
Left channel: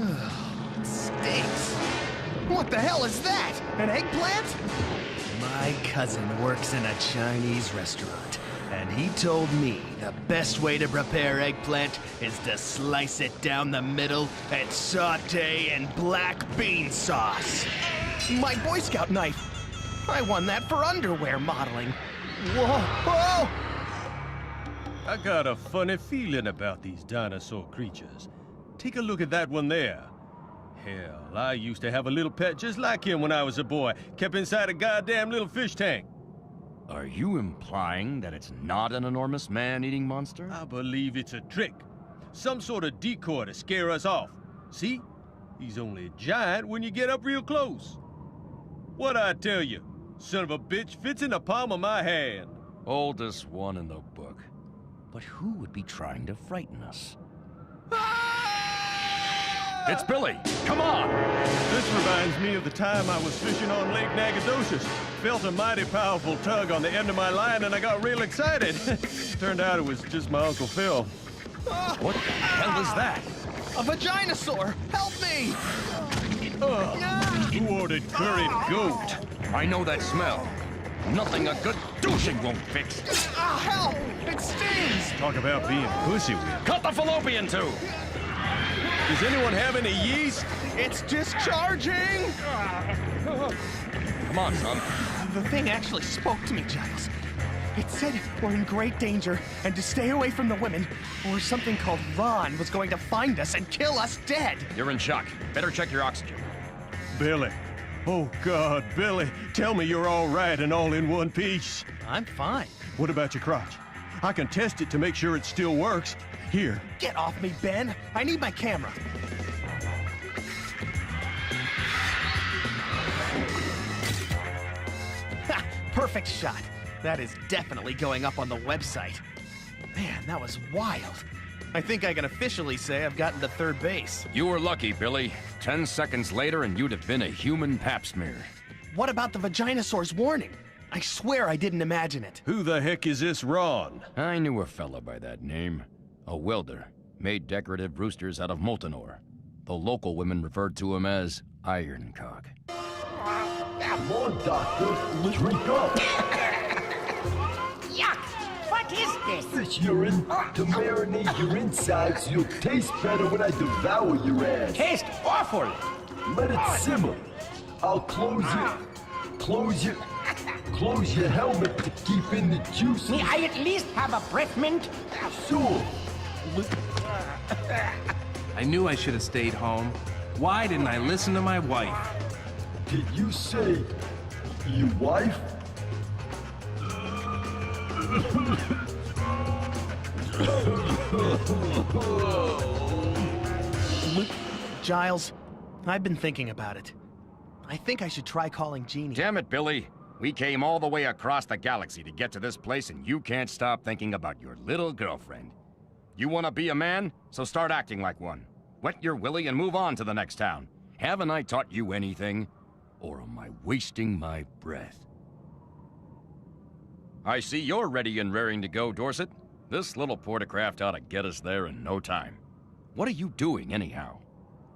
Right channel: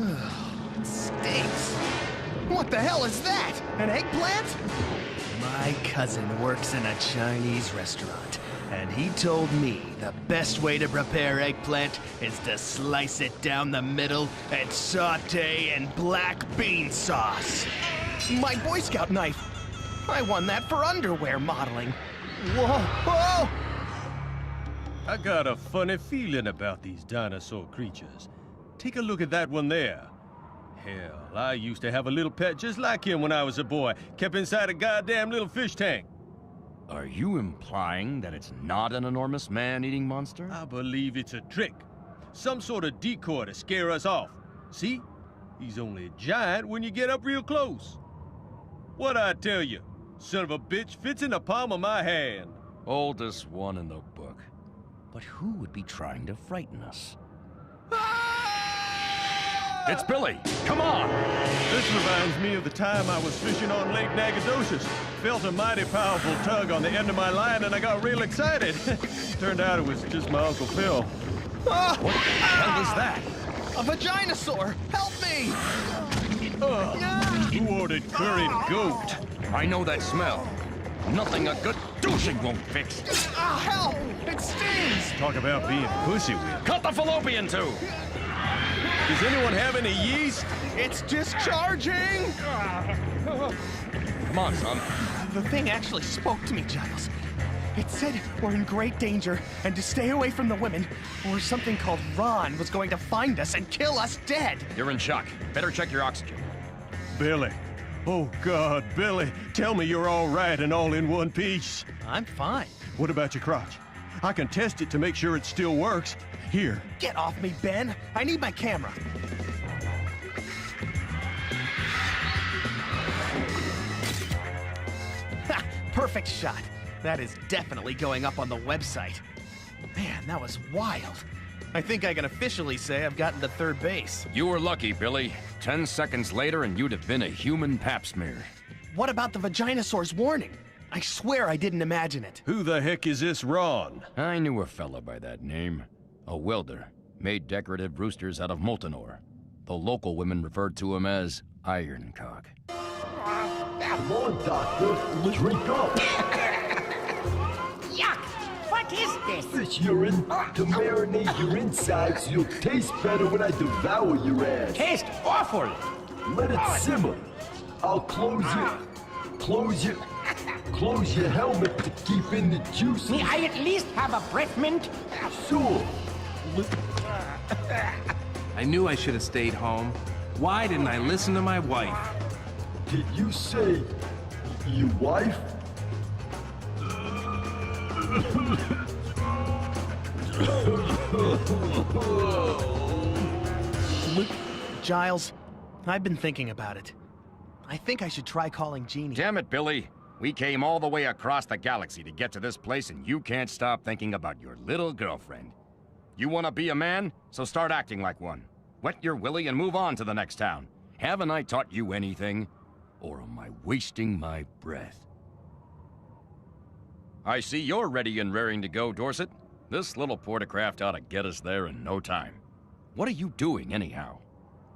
Ugh, it stinks. What the hell is that? An eggplant? My cousin works in a Chinese restaurant, and he told me the best way to prepare eggplant is to slice it down the middle and saute in black bean sauce. My Boy Scout knife. I won that for underwear modeling. Whoa! I got a funny feeling about these dinosaur creatures. Take a look at that one there. Hell, I used to have a little pet just like him when I was a boy, kept inside a goddamn little fish tank. Are you implying that it's not an enormous man-eating monster? I believe it's a trick. Some sort of decoy to scare us off. See? He's only a giant when you get up real close. What'd I tell you? Son of a bitch fits in the palm of my hand. Oldest one in the book. But who would be trying to frighten us? It's Billy! Come on! This reminds me of the time I was fishing on Lake Nacogdoches. Felt a mighty powerful tug on the end of my line and I got real excited. Turned out it was just my Uncle Phil. What the hell is that? A vaginosaur! Help me! Who ordered curried goat? I know that smell. Nothing a good douching won't fix. Help! It stings! Talk about being pussy whipped. Cut the fallopian tube! Does anyone have any yeast? It's discharging! Come on, son. The thing actually spoke to me, Giles. It said we're in great danger and to stay away from the women, or something called Ron was going to find us and kill us dead. You're in shock. Better check your oxygen. Billy. Oh, God, Billy. Tell me you're all right and all in one piece. I'm fine. What about your crotch? I can test it to make sure it still works. Here. Get off me, Ben. I need my camera. perfect shot. That is definitely going up on the website. Man, that was wild. I think I can officially say I've gotten to third base. You were lucky, Billy. 10 seconds later and you'd have been a human pap smear. What about the Vaginosaur's warning? I swear I didn't imagine it. Who the heck is this Ron? I knew a fella by that name. A welder. Made decorative roosters out of molten ore. The local women referred to him as Ironcock. Come on, Doctor. Drink up. Yuck! What is this? Fish urine to marinate your insides. You'll taste better when I devour your ass. Tastes awful. Let it simmer. I'll close it. Close your helmet to keep in the juice. May I at least have a breath mint? Sure. I knew I should have stayed home. Why didn't I listen to my wife? Did you say your wife? Giles, I've been thinking about it. I think I should try calling Jeannie. Damn it, Billy. We came all the way across the galaxy to get to this place, and you can't stop thinking about your little girlfriend. You want to be a man? So start acting like one. Wet your willy and move on to the next town. Haven't I taught you anything? Or am I wasting my breath? I see you're ready and raring to go, Dorset. This little portacraft ought to get us there in no time. What are you doing, anyhow?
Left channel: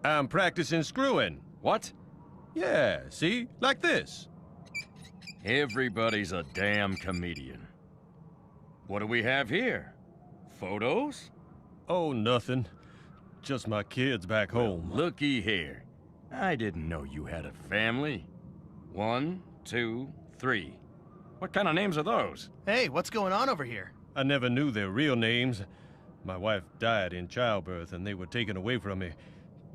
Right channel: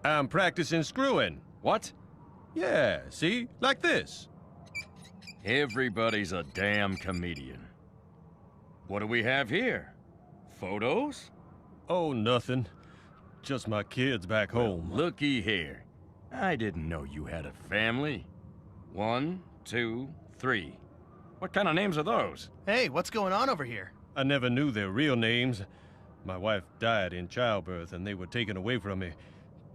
I'm practicing screwing. What? Yeah, see? Like this. Everybody's a damn comedian. What do we have here? Photos? Oh, nothing. Just my kids back home. Looky here. I didn't know you had a family. 1, 2, 3. What kind of names are those? Hey, what's going on over here? I never knew their real names. My wife died in childbirth and they were taken away from me,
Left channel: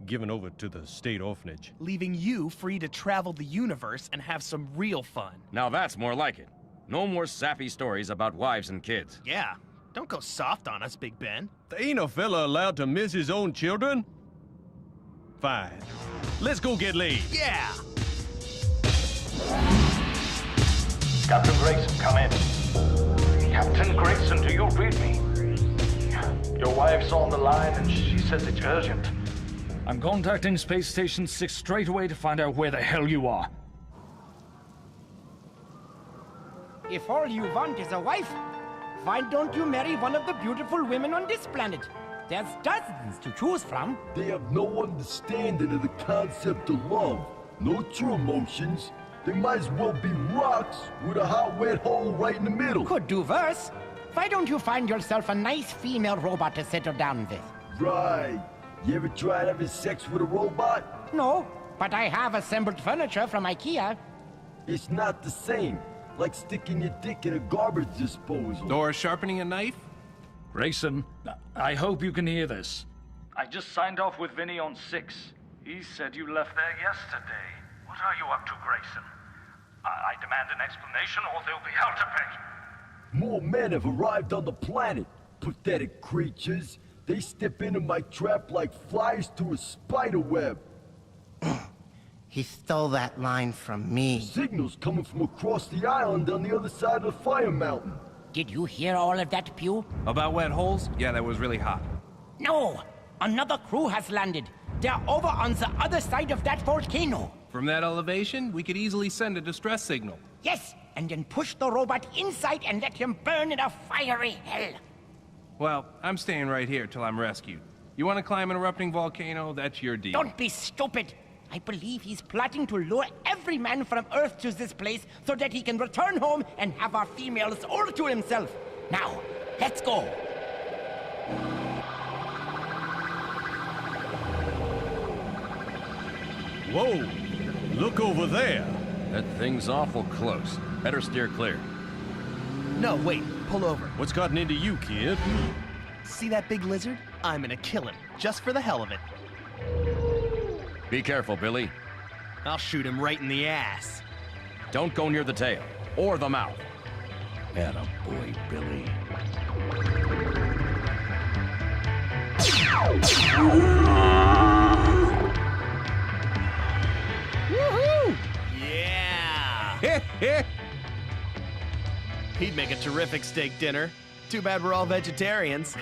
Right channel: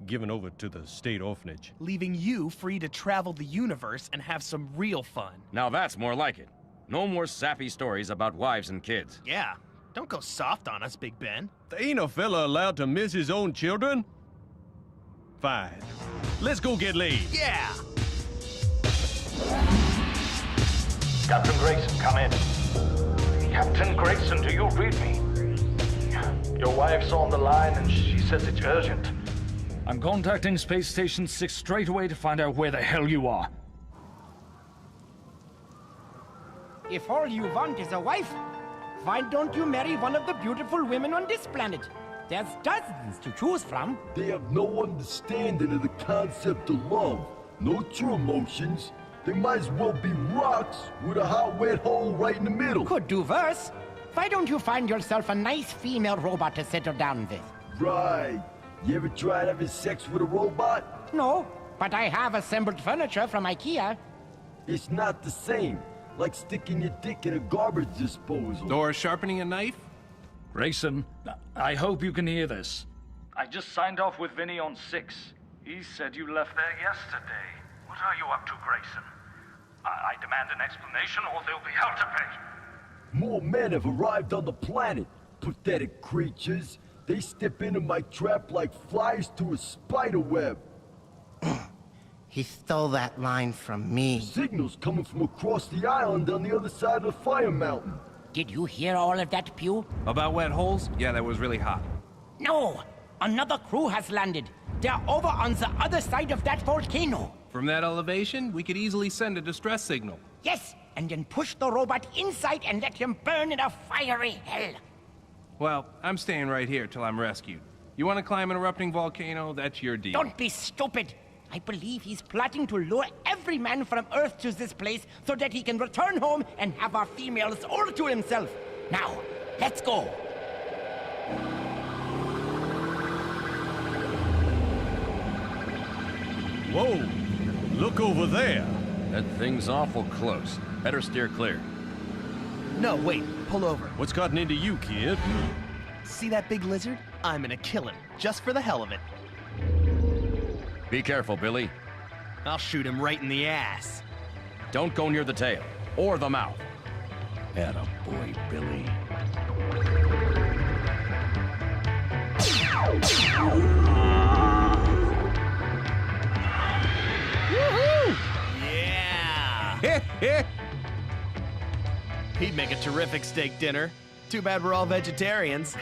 given over to the state orphanage. Leaving you free to travel the universe and have some real fun. Now that's more like it. No more sappy stories about wives and kids. Yeah, don't go soft on us, Big Ben. Ain't a fella allowed to miss his own children? Fine. Let's go get laid. Yeah! Captain Grayson, come in. Captain Grayson, do you read me? Your wife's on the line and she says it's urgent. I'm contacting Space Station 6 straight away to find out where the hell you are. If all you want is a wife, why don't you marry one of the beautiful women on this planet? There's dozens to choose from. They have no understanding of the concept of love. No true emotions. They might as well be rocks with a hot, wet hole right in the middle. Could do worse. Why don't you find yourself a nice female robot to settle down with? Right. You ever tried having sex with a robot? No, but I have assembled furniture from IKEA. It's not the same. Like sticking your dick in a garbage disposal. Or sharpening a knife? Grayson, I hope you can hear this. I just signed off with Vinny on 6. He said you left there yesterday. What are you up to, Grayson? I demand an explanation or there'll be hell to pay. More men have arrived on the planet. Pathetic creatures. They step into my trap like flies to a spider web. He stole that line from me. Signals coming from across the island on the other side of the fire mountain. Did you hear all of that, Pew? About wet holes? Yeah, that was really hot. No! Another crew has landed. They're over on the other side of that volcano. From that elevation, we could easily send a distress signal. Yes, and then push the robot inside and let him burn in a fiery hell. Well, I'm staying right here till I'm rescued. You want to climb an erupting volcano? That's your deal. Don't be stupid. I believe he's plotting to lure every man from Earth to this place so that he can return home and have our females all to himself. Now, let's go. Whoa! Look over there. That thing's awful close. Better steer clear. No, wait. Pull over. What's gotten into you, kid? See that big lizard? I'm gonna kill him, just for the hell of it. Be careful, Billy. I'll shoot him right in the ass. Don't go near the tail, or the mouth. Attaboy, Billy. Woohoo! Yeah! He'd make a terrific steak dinner. Too bad we're all vegetarians.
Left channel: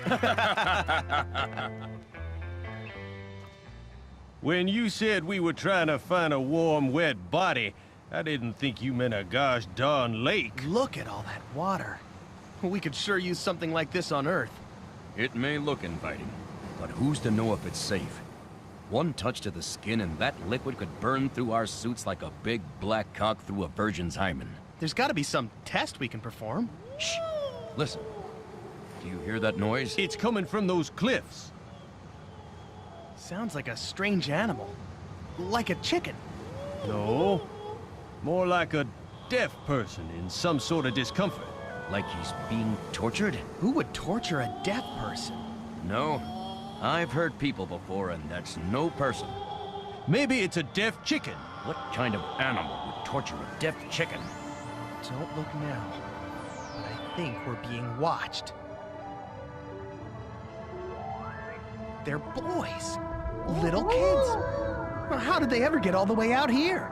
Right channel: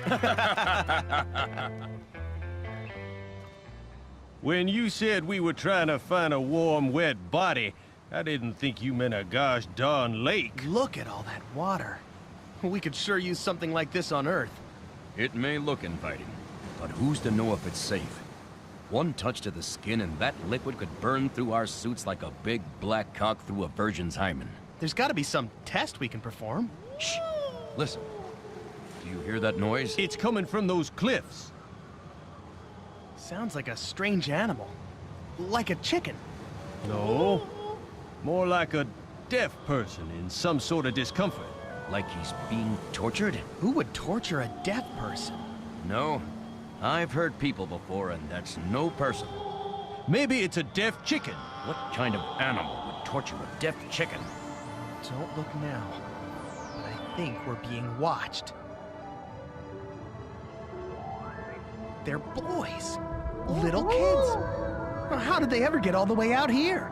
When you said we were trying to find a warm, wet body, I didn't think you meant a gosh darn lake. Look at all that water. We could sure use something like this on Earth. It may look inviting, but who's to know if it's safe? One touch to the skin and that liquid could burn through our suits like a big black cock through a virgin's hymen. There's gotta be some test we can perform. Shh! Listen. Do you hear that noise? It's coming from those cliffs. Sounds like a strange animal. Like a chicken. No. More like a deaf person in some sort of discomfort. Like he's being tortured? Who would torture a deaf person? No. I've heard people before, and that's no person. Maybe it's a deaf chicken. What kind of animal would torture a deaf chicken? Don't look now, but I think we're being watched. They're boys. Little kids. How did they ever get all the way out here?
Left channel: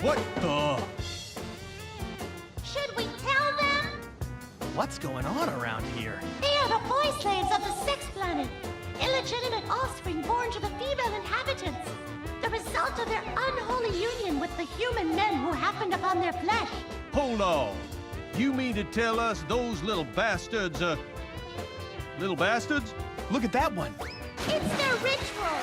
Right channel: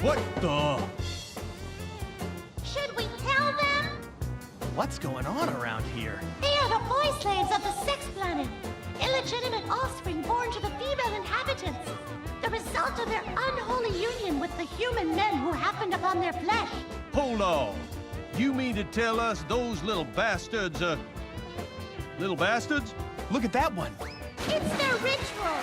What the? Should we tell them? What's going on around here? They are the boy slaves of the Sex Planet. Illegitimate offspring born to the female inhabitants. The result of their unholy union with the human men who happened upon their flesh. Hold on. You mean to tell us those little bastards, little bastards? Look at that one. It's their ritual.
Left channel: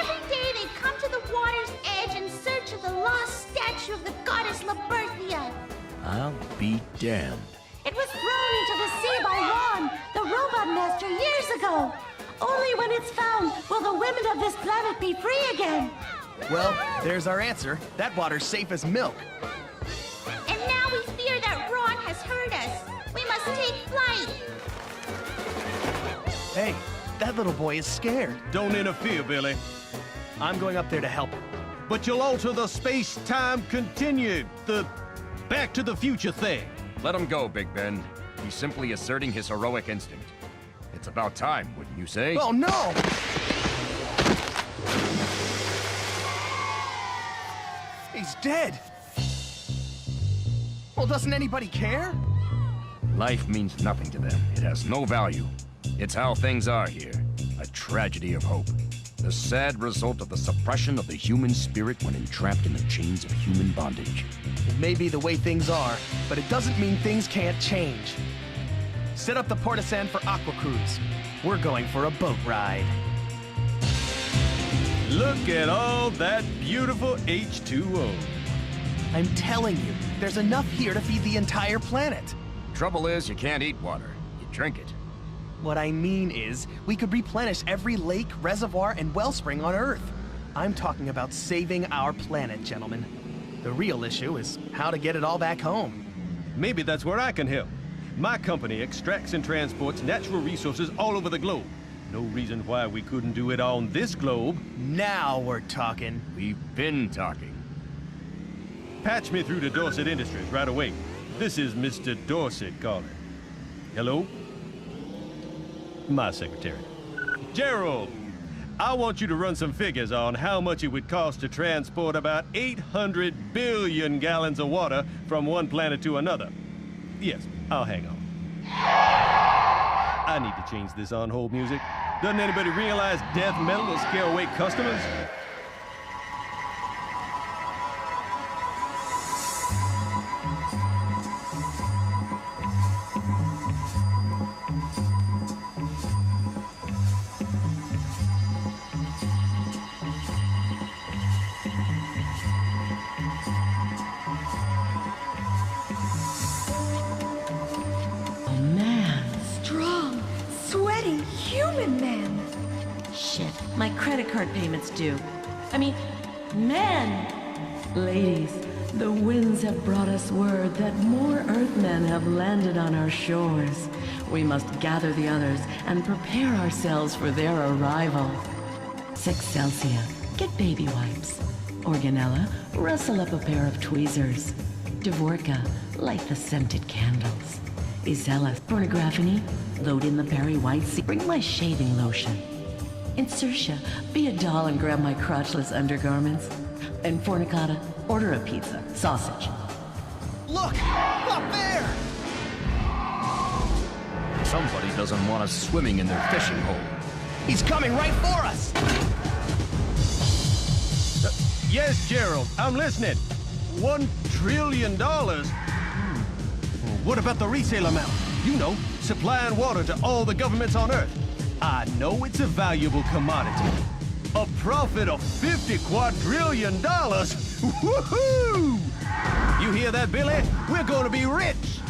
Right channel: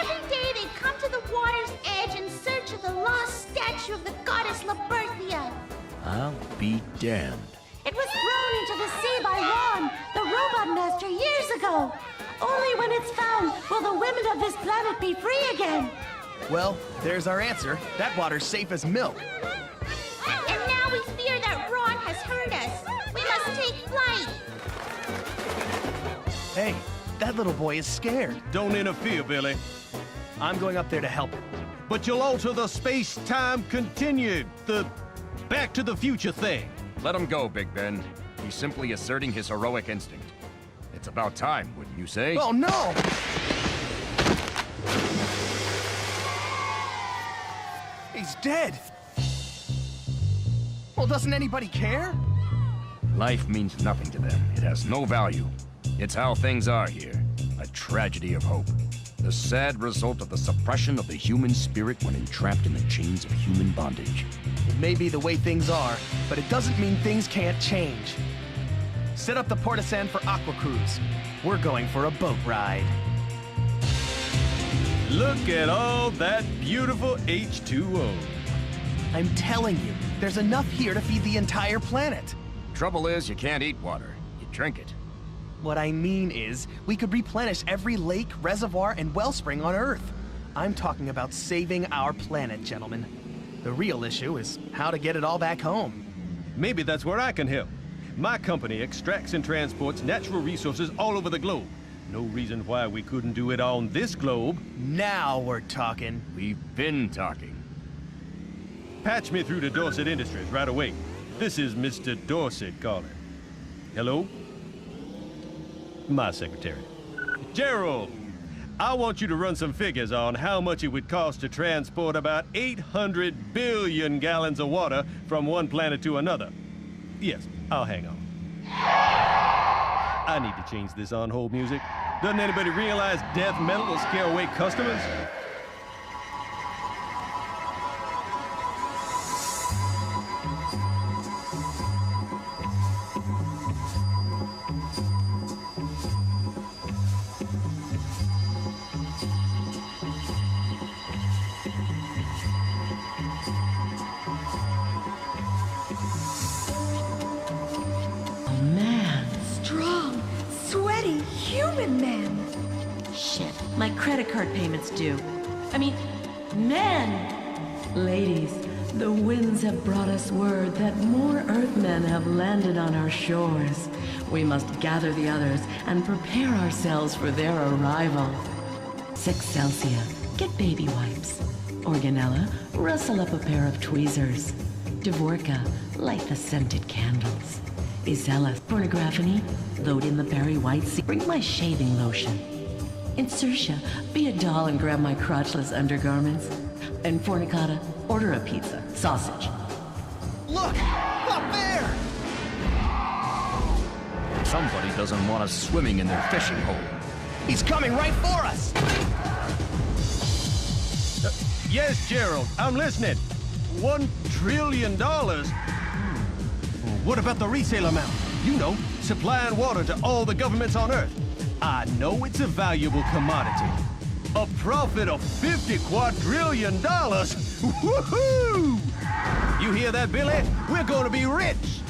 Every day they come to the water's edge in search of the lost statue of the goddess Laberthia. I'll be damned. It was thrown into the sea by Ron, the robot master, years ago. Only when it's found will the women of this planet be free again. Well, there's our answer. That water's safe as milk. And now we fear that Ron has heard us. We must take flight. Hey, that little boy is scared. Don't interfere, Billy. I'm going up there to help him. But you'll alter the space-time continued, the Back to the Future thing. Let him go, Big Ben. He's simply asserting his heroic instinct. It's about time, wouldn't you say? Oh, no! He's dead. Well, doesn't anybody care? Life means nothing to them. It has no value. It's how things are here. A tragedy of hope. The sad result of the suppression of the human spirit when entrapped in the chains of human bondage. It may be the way things are, but it doesn't mean things can't change. Set up the Portisan for Aqua Cruise. We're going for a boat ride. Look at all that beautiful H2O. I'm telling you, there's enough here to feed the entire planet. Trouble is, you can't eat water. You drink it. What I mean is, we could replenish every lake, reservoir, and wellspring on Earth. I'm talking about saving our planet, gentlemen. The real issue is how to get it all back home. Maybe that's where I can help. My company extracts and transports natural resources all over the globe. No reason why we couldn't do it on this globe. Now we're talking. We've been talking. Patch me through to Dorset Industries right away. This is Mr. Dorset calling. Hello? My secretary. Gerald, I want you to run some figures on how much it would cost to transport about 800 billion gallons of water from one planet to another. Yes, I'll hang on. I need to change this on-hold music. Doesn't anybody realize death metal will scare away customers? My credit card payment's due. I mean, men! Ladies, the winds have brought us word that more Earthmen have landed on our shores. We must gather the others and prepare ourselves for their arrival. 6 Celsia, get baby wipes. Organella, rustle up a pair of tweezers. Dvorka, light the scented candles. Isella, Pornographony, load in the Barry White sea. Bring my shaving lotion. Insertia, be a doll and grab my crotchless undergarments. And Fornicata, order a pizza, sausage. Look! Up there! Somebody doesn't want us swimming in their fishing hole. He's coming right for us! Yes, Gerald, I'm listening. $1 trillion? What about the resale amount? You know, supplying water to all the governments on Earth. I know it's a valuable commodity. A profit of $50 quadrillion? Woohoo! You hear that, Billy? We're going to be rich.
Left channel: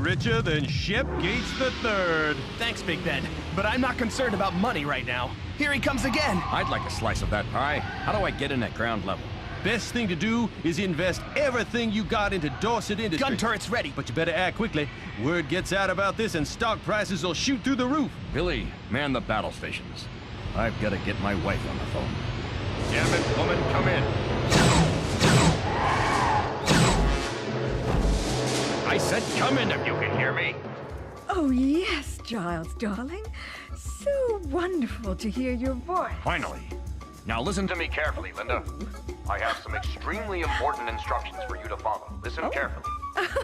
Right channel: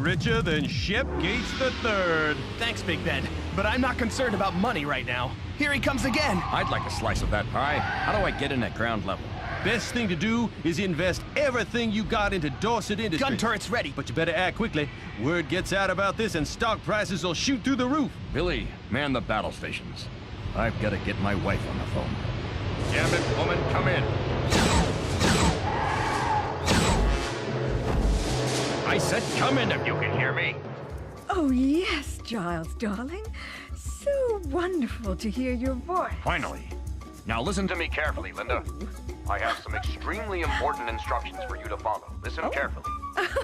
Richer than Shep Gates III. Thanks, Big Ben, but I'm not concerned about money right now. Here he comes again. I'd like a slice of that pie. How do I get in at ground level? Best thing to do is invest everything you got into Dorset Industries. Gun turret's ready. But you better act quickly. Word gets out about this and stock prices will shoot through the roof. Billy, man the battle stations. I've got to get my wife on the phone. Damn it, woman, come in. I said come in if you can hear me. Oh, yes, Giles, darling. So wonderful to hear your voice. Finally. Now listen to me carefully, Linda. I have some extremely important instructions for you to follow. Listen carefully.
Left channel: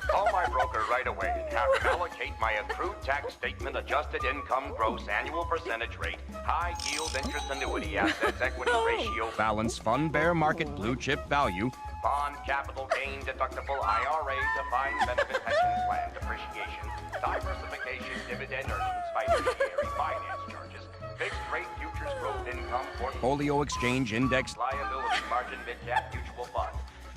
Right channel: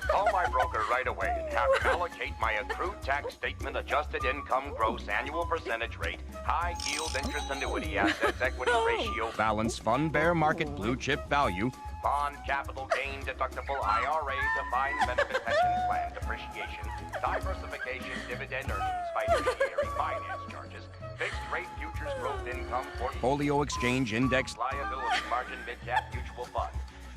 Call my broker right away and have him allocate my accrued tax statement, adjusted income, gross annual percentage rate, high yield interest annuity, assets, equity ratio, balance, fund, bear market, blue chip value, bond, capital gain, deductible, IRA, defined benefit pension plan, depreciation, diversification, dividend earnings, fiduciary finance charges, fixed rate futures, growth income, portfolio exchange, index, liability, margin, mid-cap, mutual fund,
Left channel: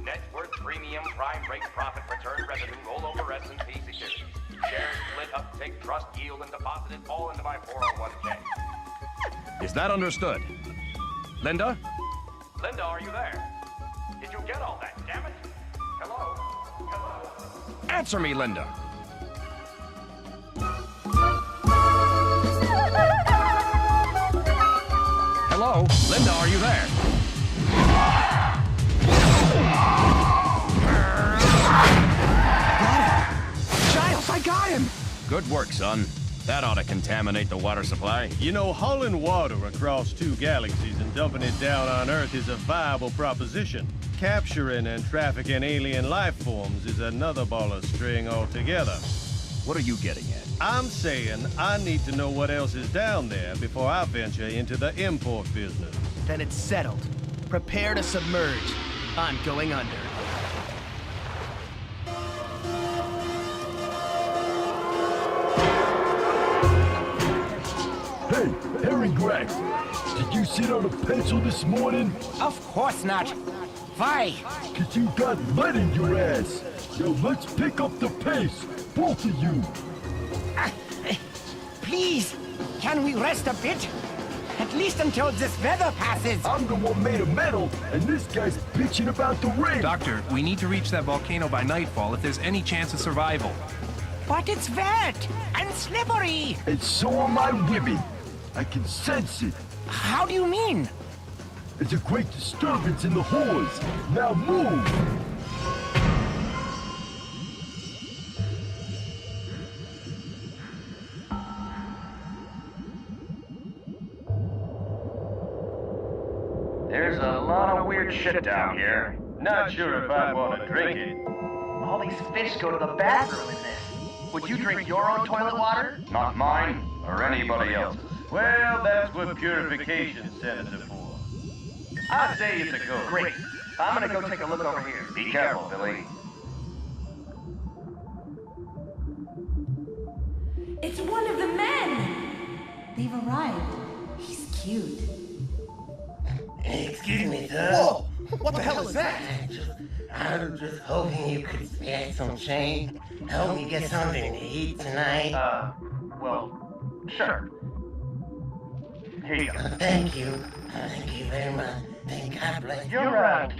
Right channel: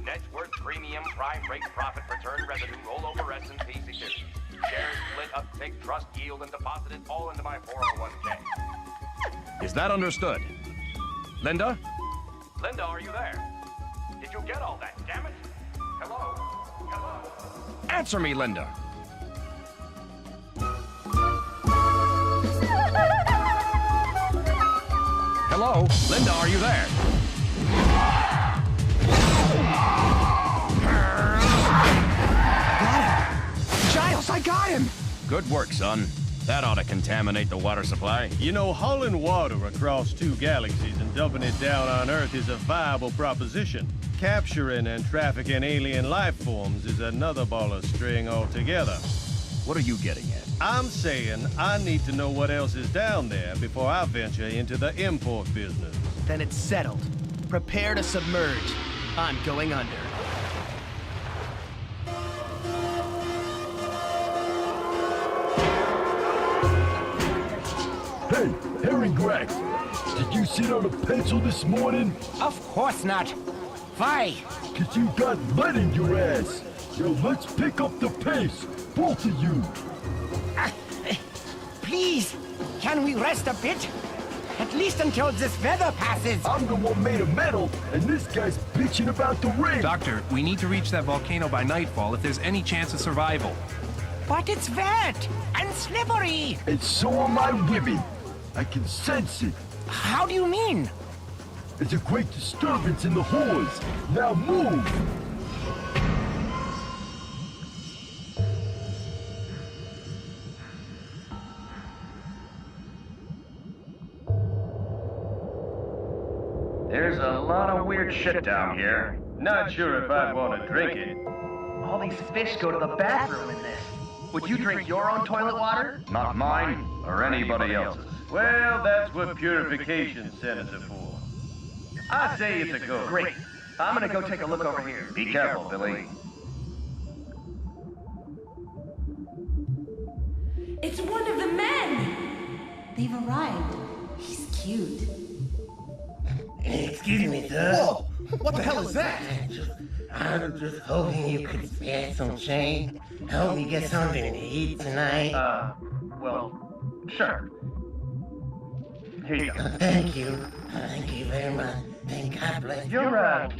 net worth, premium, prime rate, profit, return, revenue, rollover, S&P securities, shares, split, uptick, trust, yield, and deposited all into my 401k. Is that understood? Linda? Linda, are you there? Did you get all that, damn it? Hello? Hello? Answer me, Linda. Hello? Linda, are you there? Giles, I got him! Good work, son. That ought to contaminate the water supply. You know, hauling water across 2 galaxies and dumping it down on Earth is a viable proposition. Capturing and trafficking alien life forms is another ball of string altogether. What are you getting at? I'm saying I need to know what else is down there before I venture into the import business. Then it's settled. Prepare to submerge. I'm going under. Hey, Harry Gregg, did you sit on a pencil this morning? Of course not. Why? 'Cause you got lead in your ass. Now let's pick up the pace, both of you. Please, can we rest a bit? At least until this weather passes. I'm the one made of metal, and this guy's bitching about the rain. Doctor, we need to reach that volcano by nightfall if there's any chance of survival. But it's fat and slippery. And so am I women. I can sense it. How do you mean? There's a great disturbance in the halls. Now move. There's a lot of weird shit down here. Not sure if I'd want to drink it. All these fish go to the bathroom in this. Would you drink your own toilet water? Not mine, or anybody else's. Well, that's what purification centers are for. I'd say it's a go. Great. I'm gonna go take a look over here. Be careful, Billy. It's one of the men! They've arrived. He's cute. Excuse me, sir. Oh, what the hell is that? I'm just hoping you could spare some change. Help me get something to eat tonight. Well, sure. Here you go. Thank you. Thank you very much. Thank God bless you. You're not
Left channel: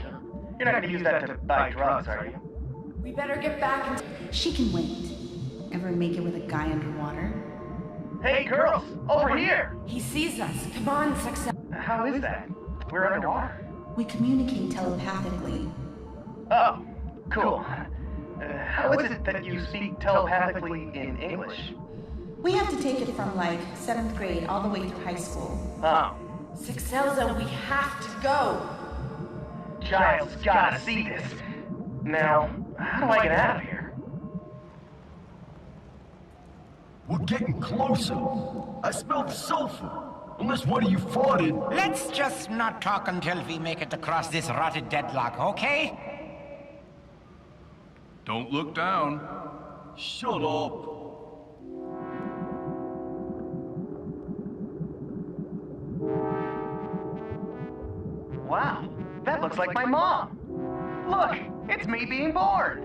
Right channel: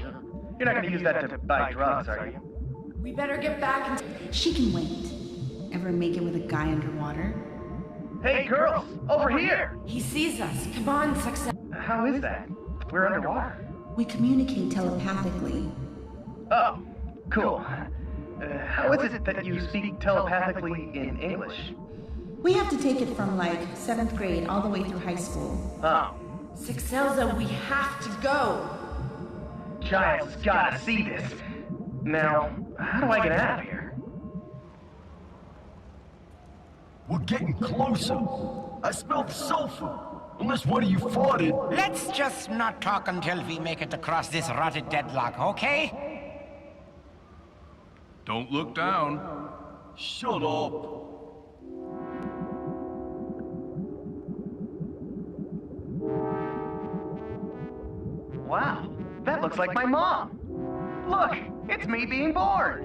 gonna use that to buy drugs, are you? We better get back. She can wait. Ever make it with a guy underwater? Hey, girls, over here! He sees us. Come on, success. How is that? We're underwater. We communicate telepathically. Oh, cool. How is it that you speak telepathically in English? We have to take it from, like, 7th grade all the way through high school. Oh. Sixelza, we have to go. Giles gotta see this. Now, how do I get out of here? We're getting closer. I smell sulfur. Unless one of you farted. Let's just not talk until we make it across this rotted deadlock, okay? Don't look down. Shut up. Wow, that looks like my mom. Look, it's me being bored.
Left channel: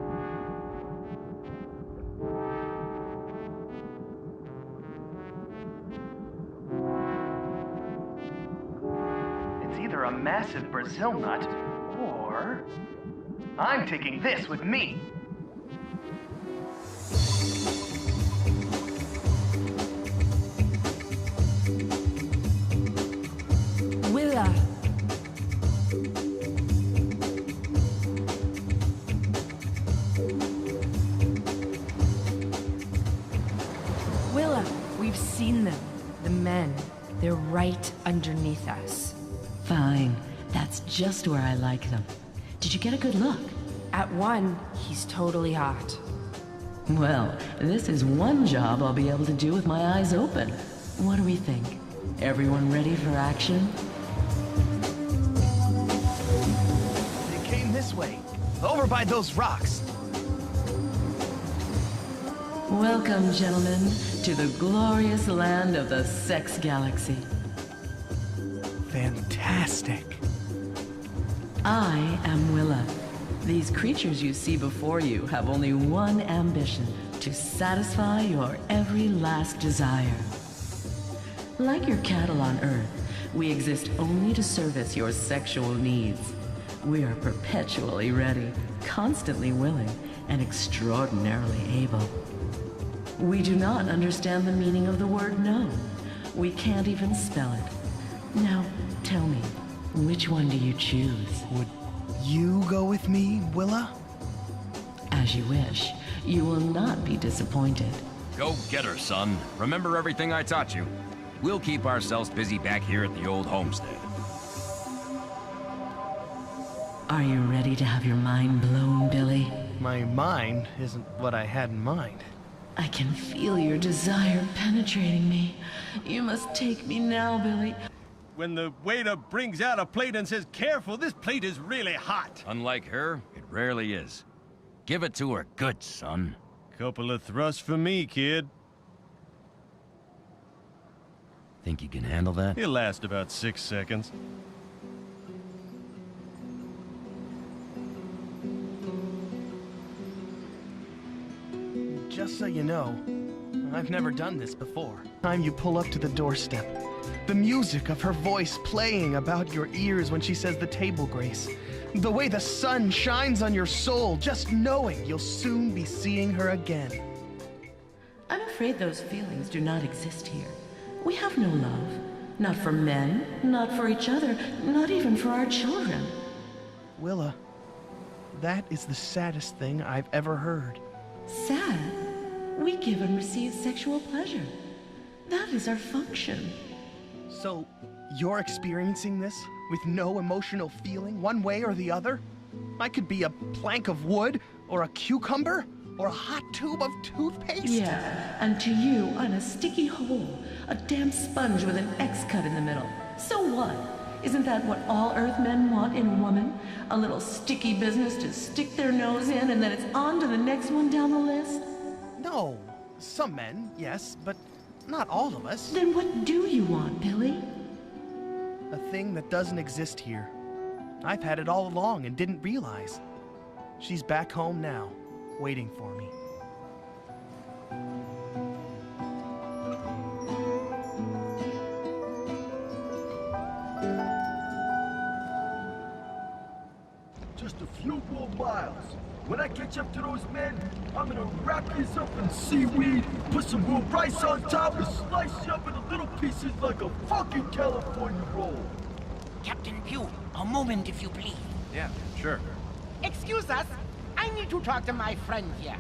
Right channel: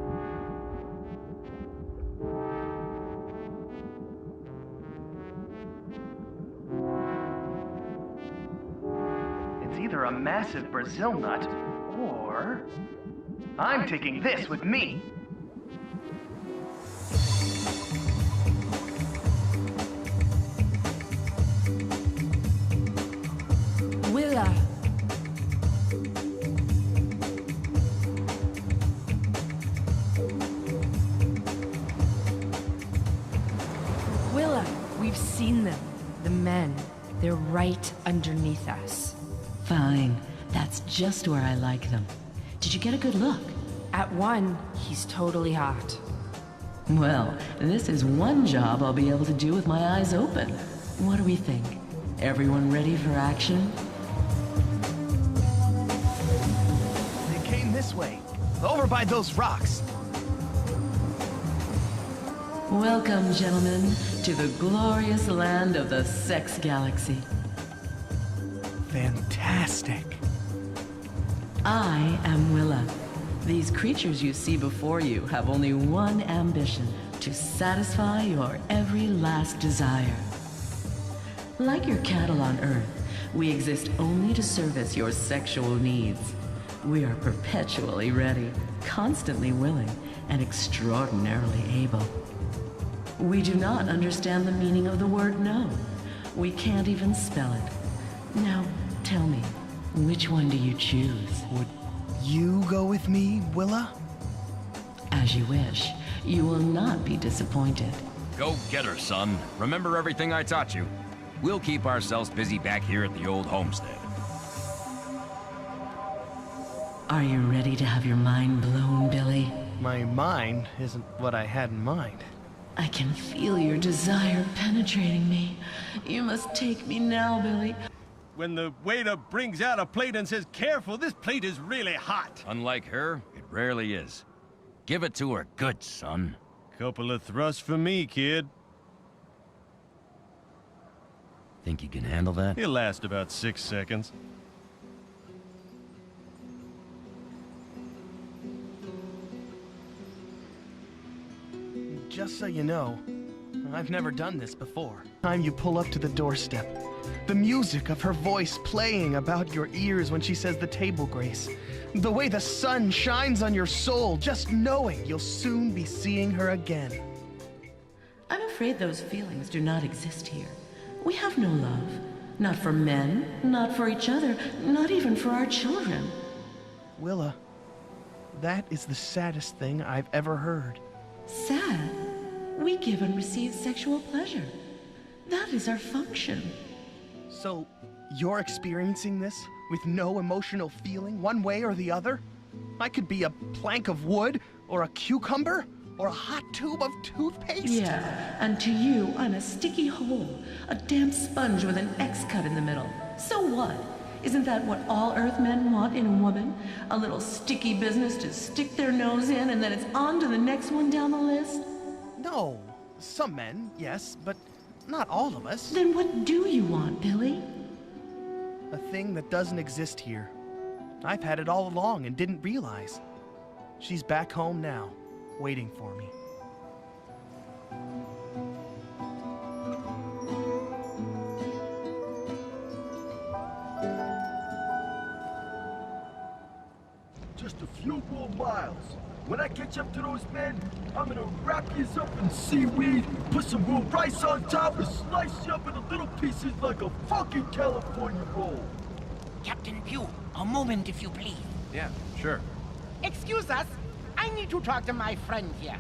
It's either a massive Brazil nut, or I'm taking this with me. Willa. Willa, we've seen them. The men. They're right underneath us. Fine. That's just where I like them. Did you get a good look? At one, he's totally hot. Well, this is one job I'll be able to do with my eyes open. What do we think? Everyone ready for action? They came this way, over by those rocks. Welcome, gentlemen, to the glorious land of the Sex Galaxy. Fantastic. I am Willa. These creatures you see before you have only one ambition: to satisfy your every last desire. Like your cattle on Earth, we exist only to service your sexual needs. We are perpetually ready, constantly willing, and extraordinarily able. We do not understand the meaning of the word no. We can't even spell it. Now, tell me, which one do you choose? Would you go with me, Willa? As you wish. You will not be disappointed. Go get her, son. Remember everything I taught you. We'll keep ourselves busy back here at the old homestead. Are you ready to have your mind blown, Billy? My mind isn't what I had in mind. I can feel your desire penetrating me. You must take me now, Billy. When the waiter brings out a plate and says, "Careful, this plate is really hot." Unlike her, it rarely is. Give it to her good, son. Couple of thrusts for me, kid. Think you can handle that? It'll last about 6 seconds. Just so you know, I've never done this before. Time you pull up to the doorstep, the music of her voice playing about your ears when she says the table grace, the way the sun shines on your soul, just knowing you'll soon be seeing her again. I'm afraid those feelings do not exist here. We have no love. Not for men, not for each other, not even for our children. Willa, that is the saddest thing I've ever heard. Sad? We give and receive sexual pleasure. That is our function. So, you're experiencing this with no emotional feeling one way or the other? I could be a plank of wood, or a cucumber, or a hot tube of toothpaste? Yeah, and to you, I'm a sticky hole, a damp sponge with an X cut in the middle. So what? Isn't that what all Earthmen want in a woman? A little sticky business to stick their nose in and then it's on to the next one down the list? No. Some men, yes, but not all of us. Then what do you want, Billy? A thing that doesn't exist here. I've had it all along and didn't realize. She's back home now, waiting for me. Just a few more miles. When I catch up to those men, I'm gonna wrap this up in seaweed, put some real rice on top, and slice you up into little pieces like a fucking California roll. Captain Pew, A moment, if you please. Yeah, sure. Excuse us. I need to talk to my friend here.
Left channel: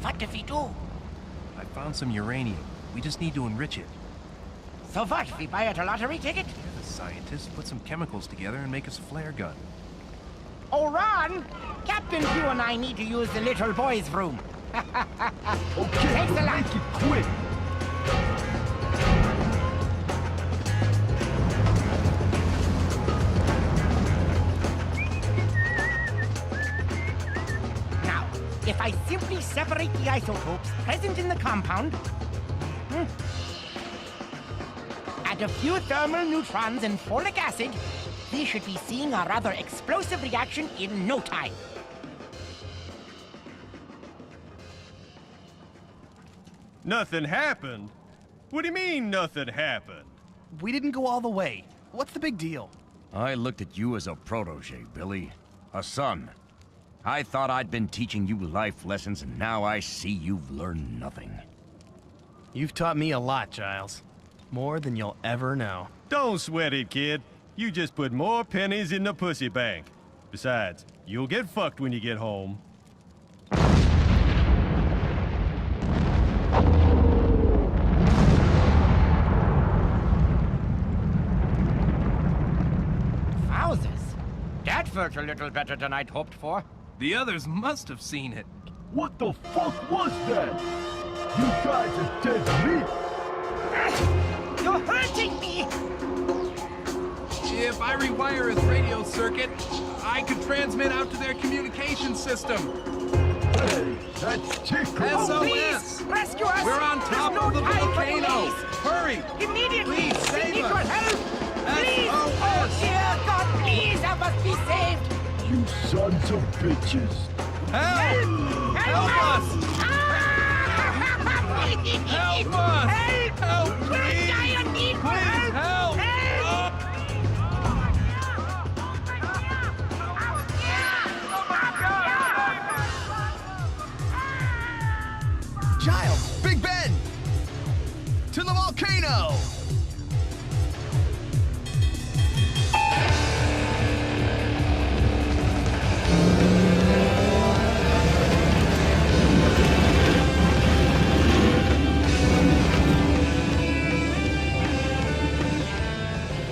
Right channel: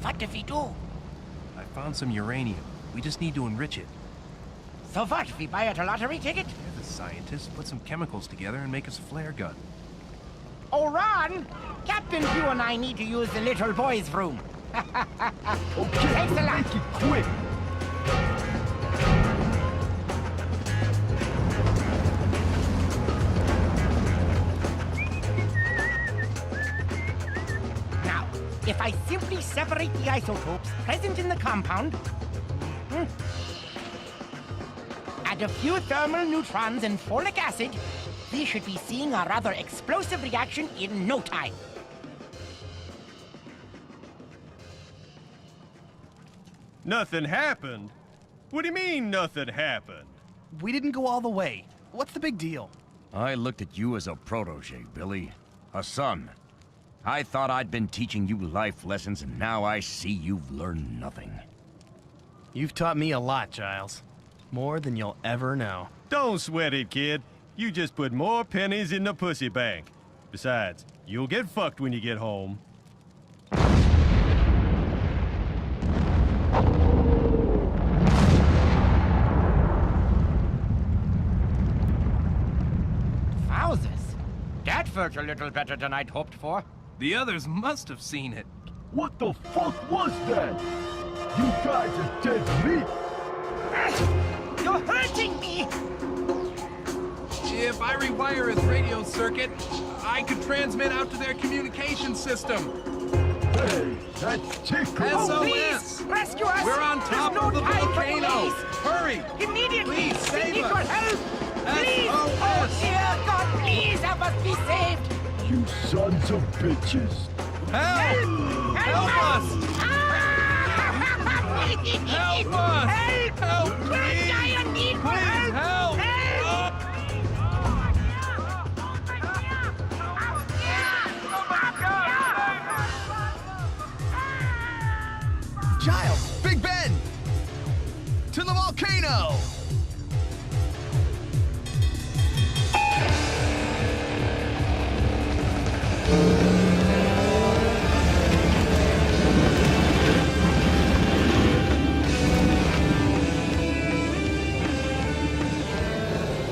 What do we do? I found some uranium. We just need to enrich it. So what? We buy it a lottery ticket? Yeah, the scientists put some chemicals together and make us a flare gun. Oh, Ron! Captain, you and I need to use the little boy's room. Thanks a lot. Quick! Now, if I simply separate the isotopes present in the compound, add a few thermal neutrons and folic acid, we should be seeing a rather explosive reaction in no time. Nothing happened? What do you mean, nothing happened? We didn't go all the way. What's the big deal? I looked at you as a protege, Billy. A son. I thought I'd been teaching you life lessons, and now I see you've learned nothing. You've taught me a lot, Giles. More than you'll ever know. Don't sweat it, kid. You just put more pennies in the pussy bank. Besides, you'll get fucked when you get home. Wowzers. That felt a little better than I'd hoped for. The others must have seen it. What the fuck was that? You guys are dead meat! You're hurting me! If I rewire his radio circuit, I could transmit out to their communication system. Hey, that's Tico! SOS! Rescue us! We're on top There's of no the time for volcano! delays. Hurry! Immediately! Please We save need us! your help! Please! SOS! Dear God, please help us be saved! You sons of bitches! Help! Help us! Help us! Help! I need help! Help! Help! Giles! Big Ben! To the volcano!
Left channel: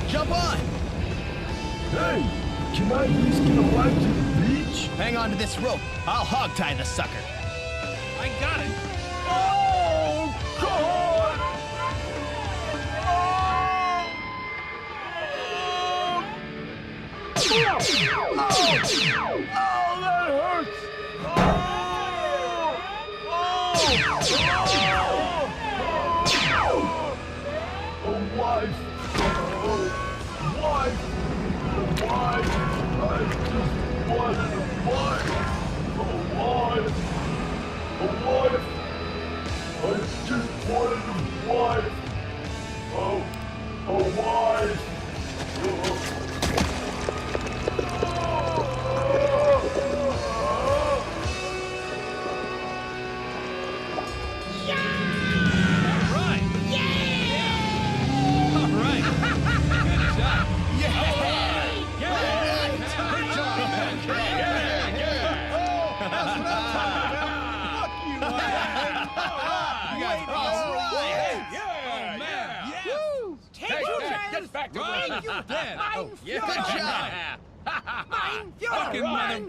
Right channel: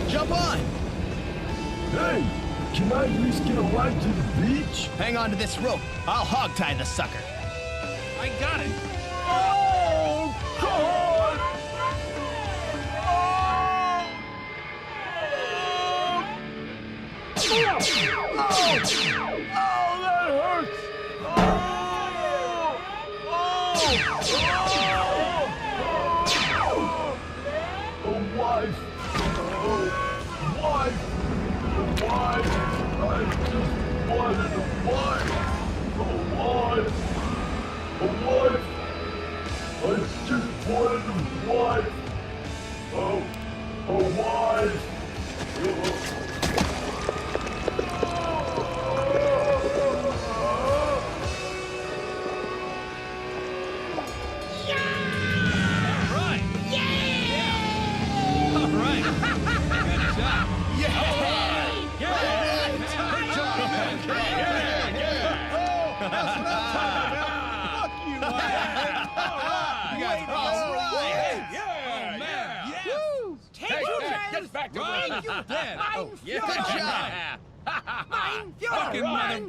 Jump on! Hey, can I at least get a ride to the beach? Hang on to this rope. I'll hog-tie the sucker. I got it! Oh, God!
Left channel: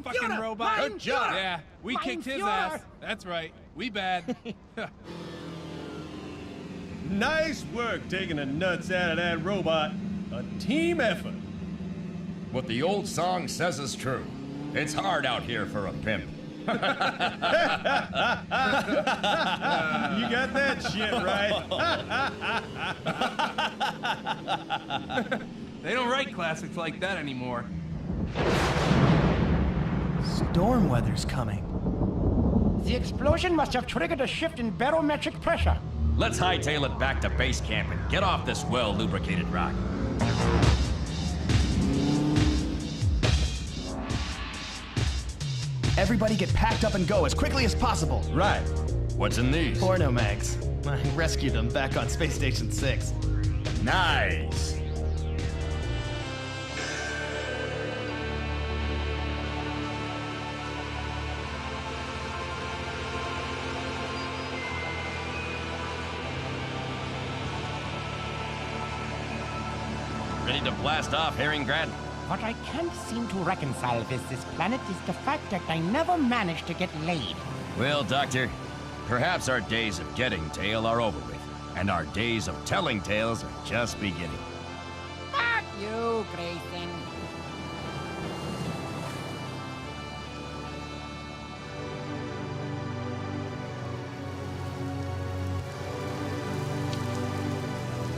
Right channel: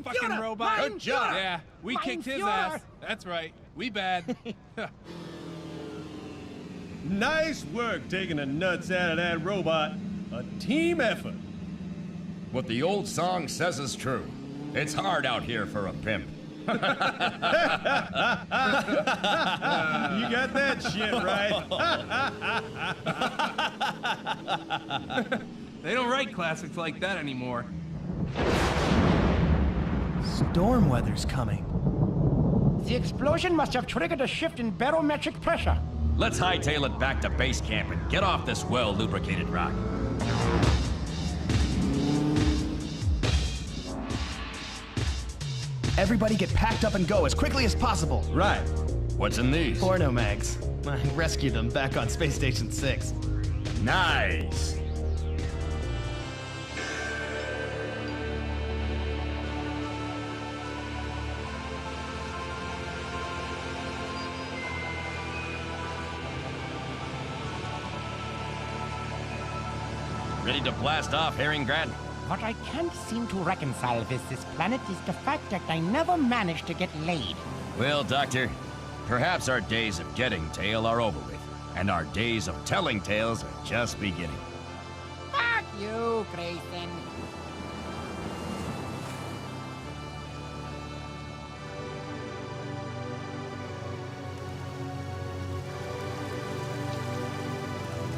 Fucking robot. Good job. Yeah, we kicked his ass. That's right. We bad. Nice work taking the nuts out of that robot. A team effort. What the old song says is true. It's hard out here for a pimp. You got that shit right. They don't write classics like that anymore. Storm weather's coming. The explosion must have triggered a shift in barometric pressure. Let's hightail it back to base camp and get off this well-lubricated rock. Everybody get packed up and go as quickly as possible. Right. What's in these? Porno mags. I rescued them back on Space Station 6. Nice. Ready to blast off, Herringrad? What I can't seem to reconcile with this planet is the fact that I never managed to get laid. Well, Doctor, perhaps our days of getting tail are over with, and our days of telling tales are just beginning. Fuck you, Grayson.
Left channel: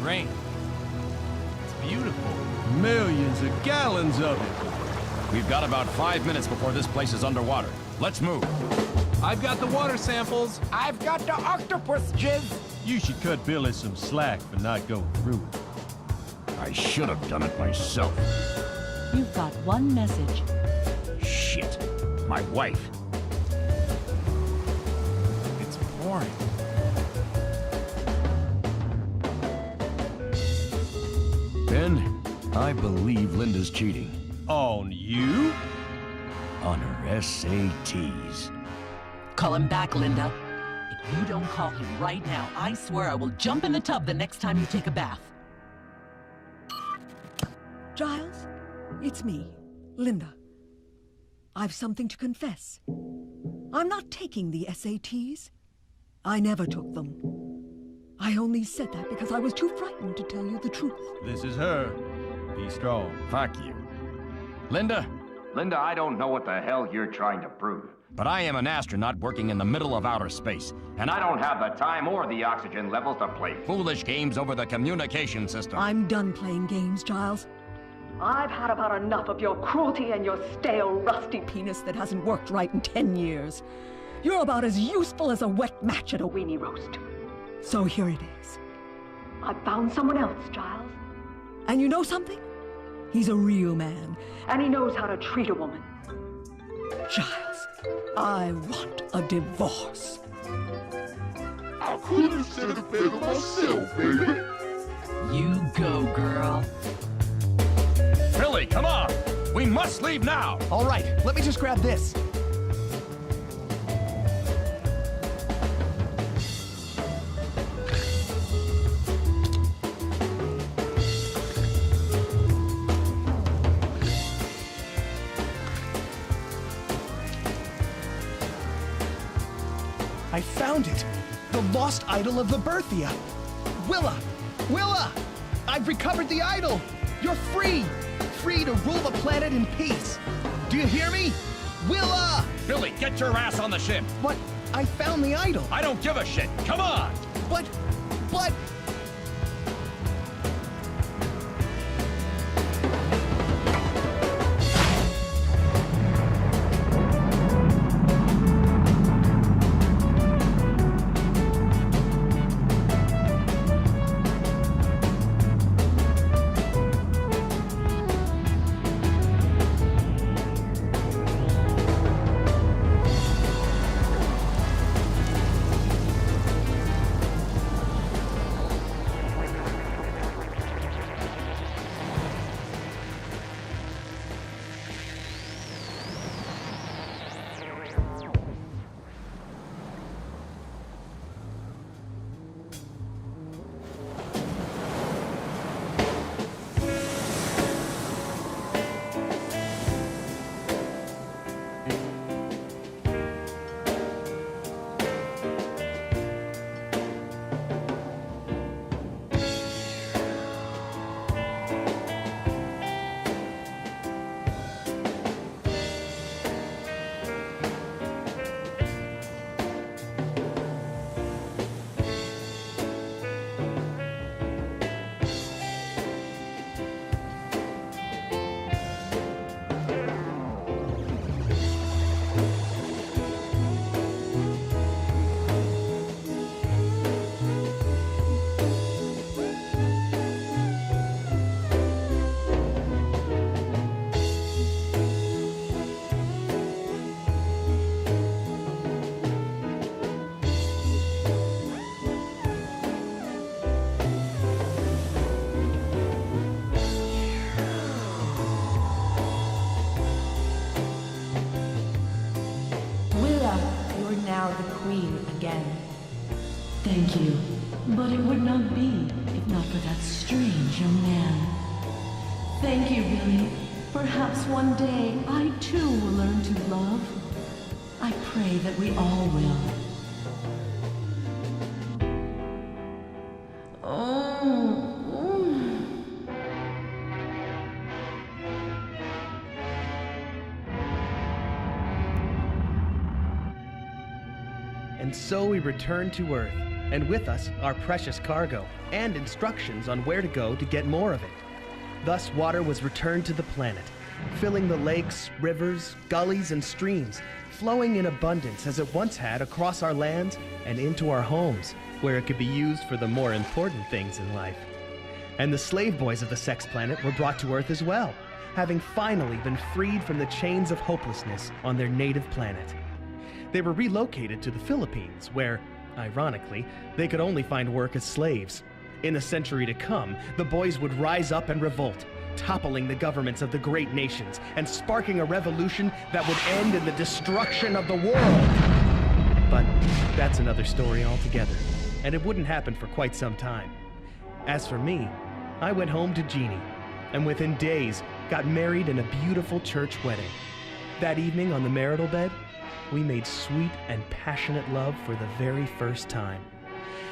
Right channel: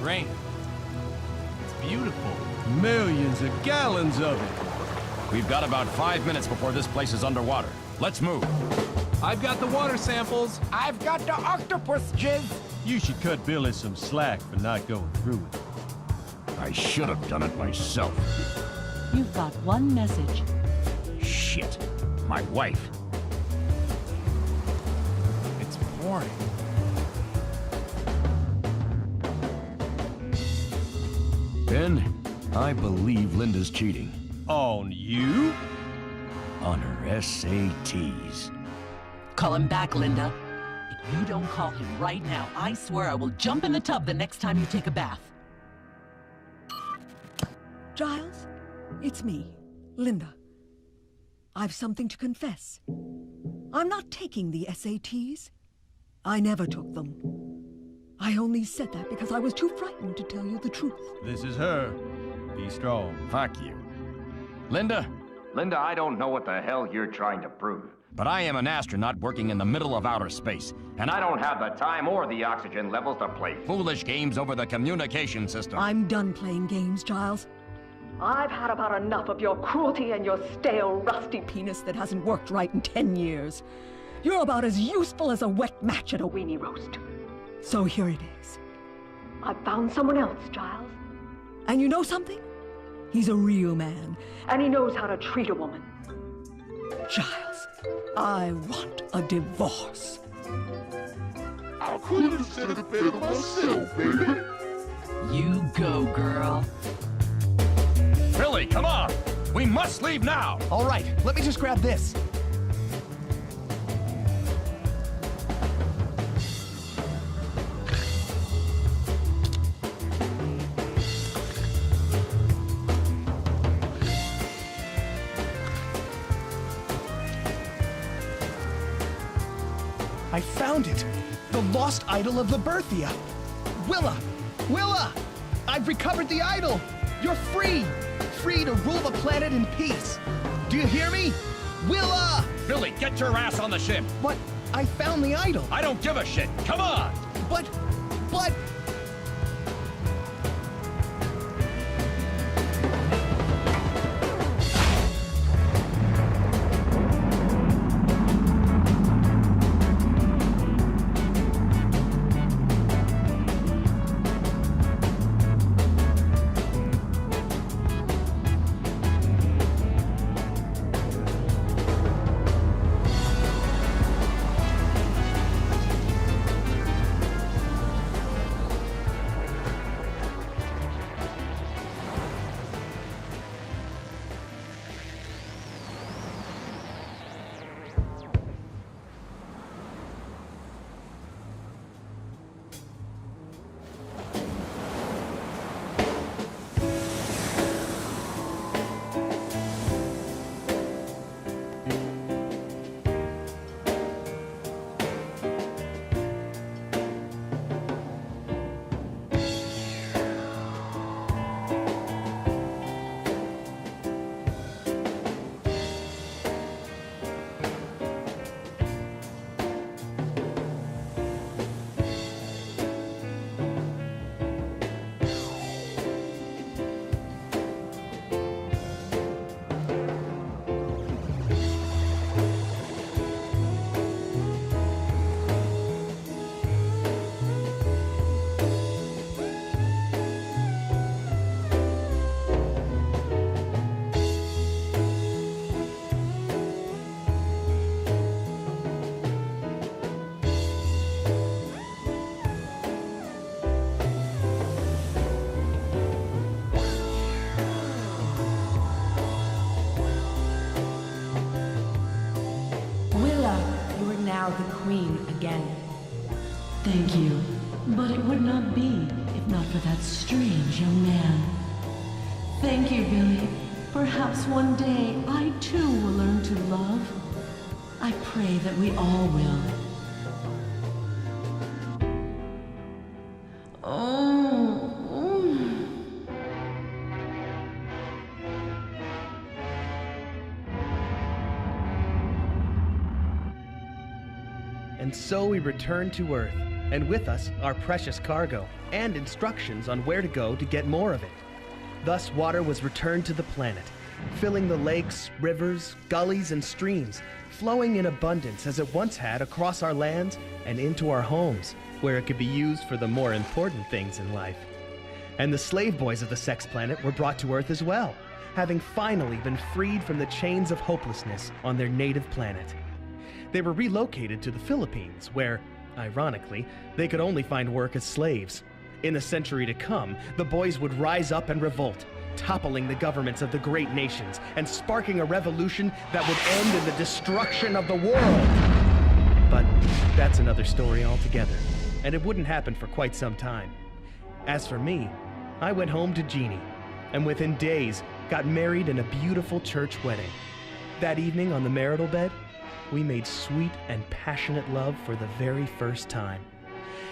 Rain. It's beautiful. Millions of gallons of it. We've got about 5 minutes before this place is underwater. Let's move. I've got the water samples. I've got the octopus jizz. You should cut Billy some slack for not going through it. I should have done it myself. You've got one message. Shit. My wife. It's boring. Ben, I believe Linda's cheating. On you? On her SATs. Call him back, Linda. If you don't call him right now, I swear I will jump in the tub the next time you take a bath. Giles, it's me, Linda. I've something to confess. I'm not taking the SATs. I never took them. I only said that because I was too frightened to tell you the truth. This is her. Be strong. Fuck you. Linda? Linda, I don't know what the hell you're trying to prove. But I am an astronaut working in the middle of outer space, and I don't have the time or the oxygen levels to play foolish games over the communication system. I'm done playing games, Giles. I've had about enough of your cruelty and your stale, rusty penis that hasn't worked right in 10 years. You're about as useful as a wet match at a weenie roast. So here it is. I found someone else, Giles. And you know something? He's a real man, and he knows how to treat a woman. Giles, I want a divorce. I could have said it better myself, baby. You go, girl. Billy, come on! We must leave now! All right, let me just grab this. I found it! The lost idol of the Berthia! Willa! Willa! I've recovered the idol! You're free! Free to rule the planet in peace! Do you hear me? Willa! Billy, get your ass on the ship! But I found the idol! I don't give a shit! Come on! But... Thank you. But it would not be if not for that strange young man. Thank you, Billy. Perhaps one day I too will learn to love. I pray that we all will. And so we return to Earth, and with us our precious cargo, and instructions on where to go to get more of it. Thus water was returned to the planet, filling the lakes, rivers, gullies, and streams, flowing in abundance as it once had across our lands and into our homes, where it could be used for the more important things in life. And the slave boys of the Sex Planet were brought to Earth as well, having finally been freed from the chains of hopelessness on their native planet. They were relocated to the Philippines, where, ironically, they could only find work as slaves. In the century to come, the boys would rise up and revolt, toppling the governments of the great nations and sparking a revolution that would end in the destruction of the world. But that's another story altogether, and it wouldn't happen for quite some time. As for me, I went home to Jeannie, and within days got married in a beautiful church wedding. That evening on the marital bed, we made sweet and passionate love for the very first time.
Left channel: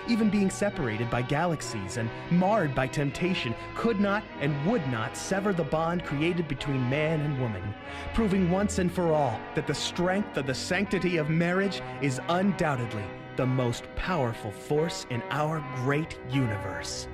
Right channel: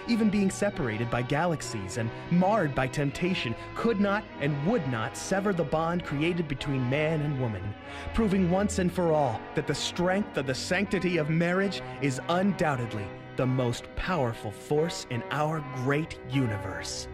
Even being separated by galaxies and marred by temptation could not and would not sever the bond created between man and woman, proving once and for all that the strength of the sanctity of marriage is undoubtedly the most powerful force in our great universe.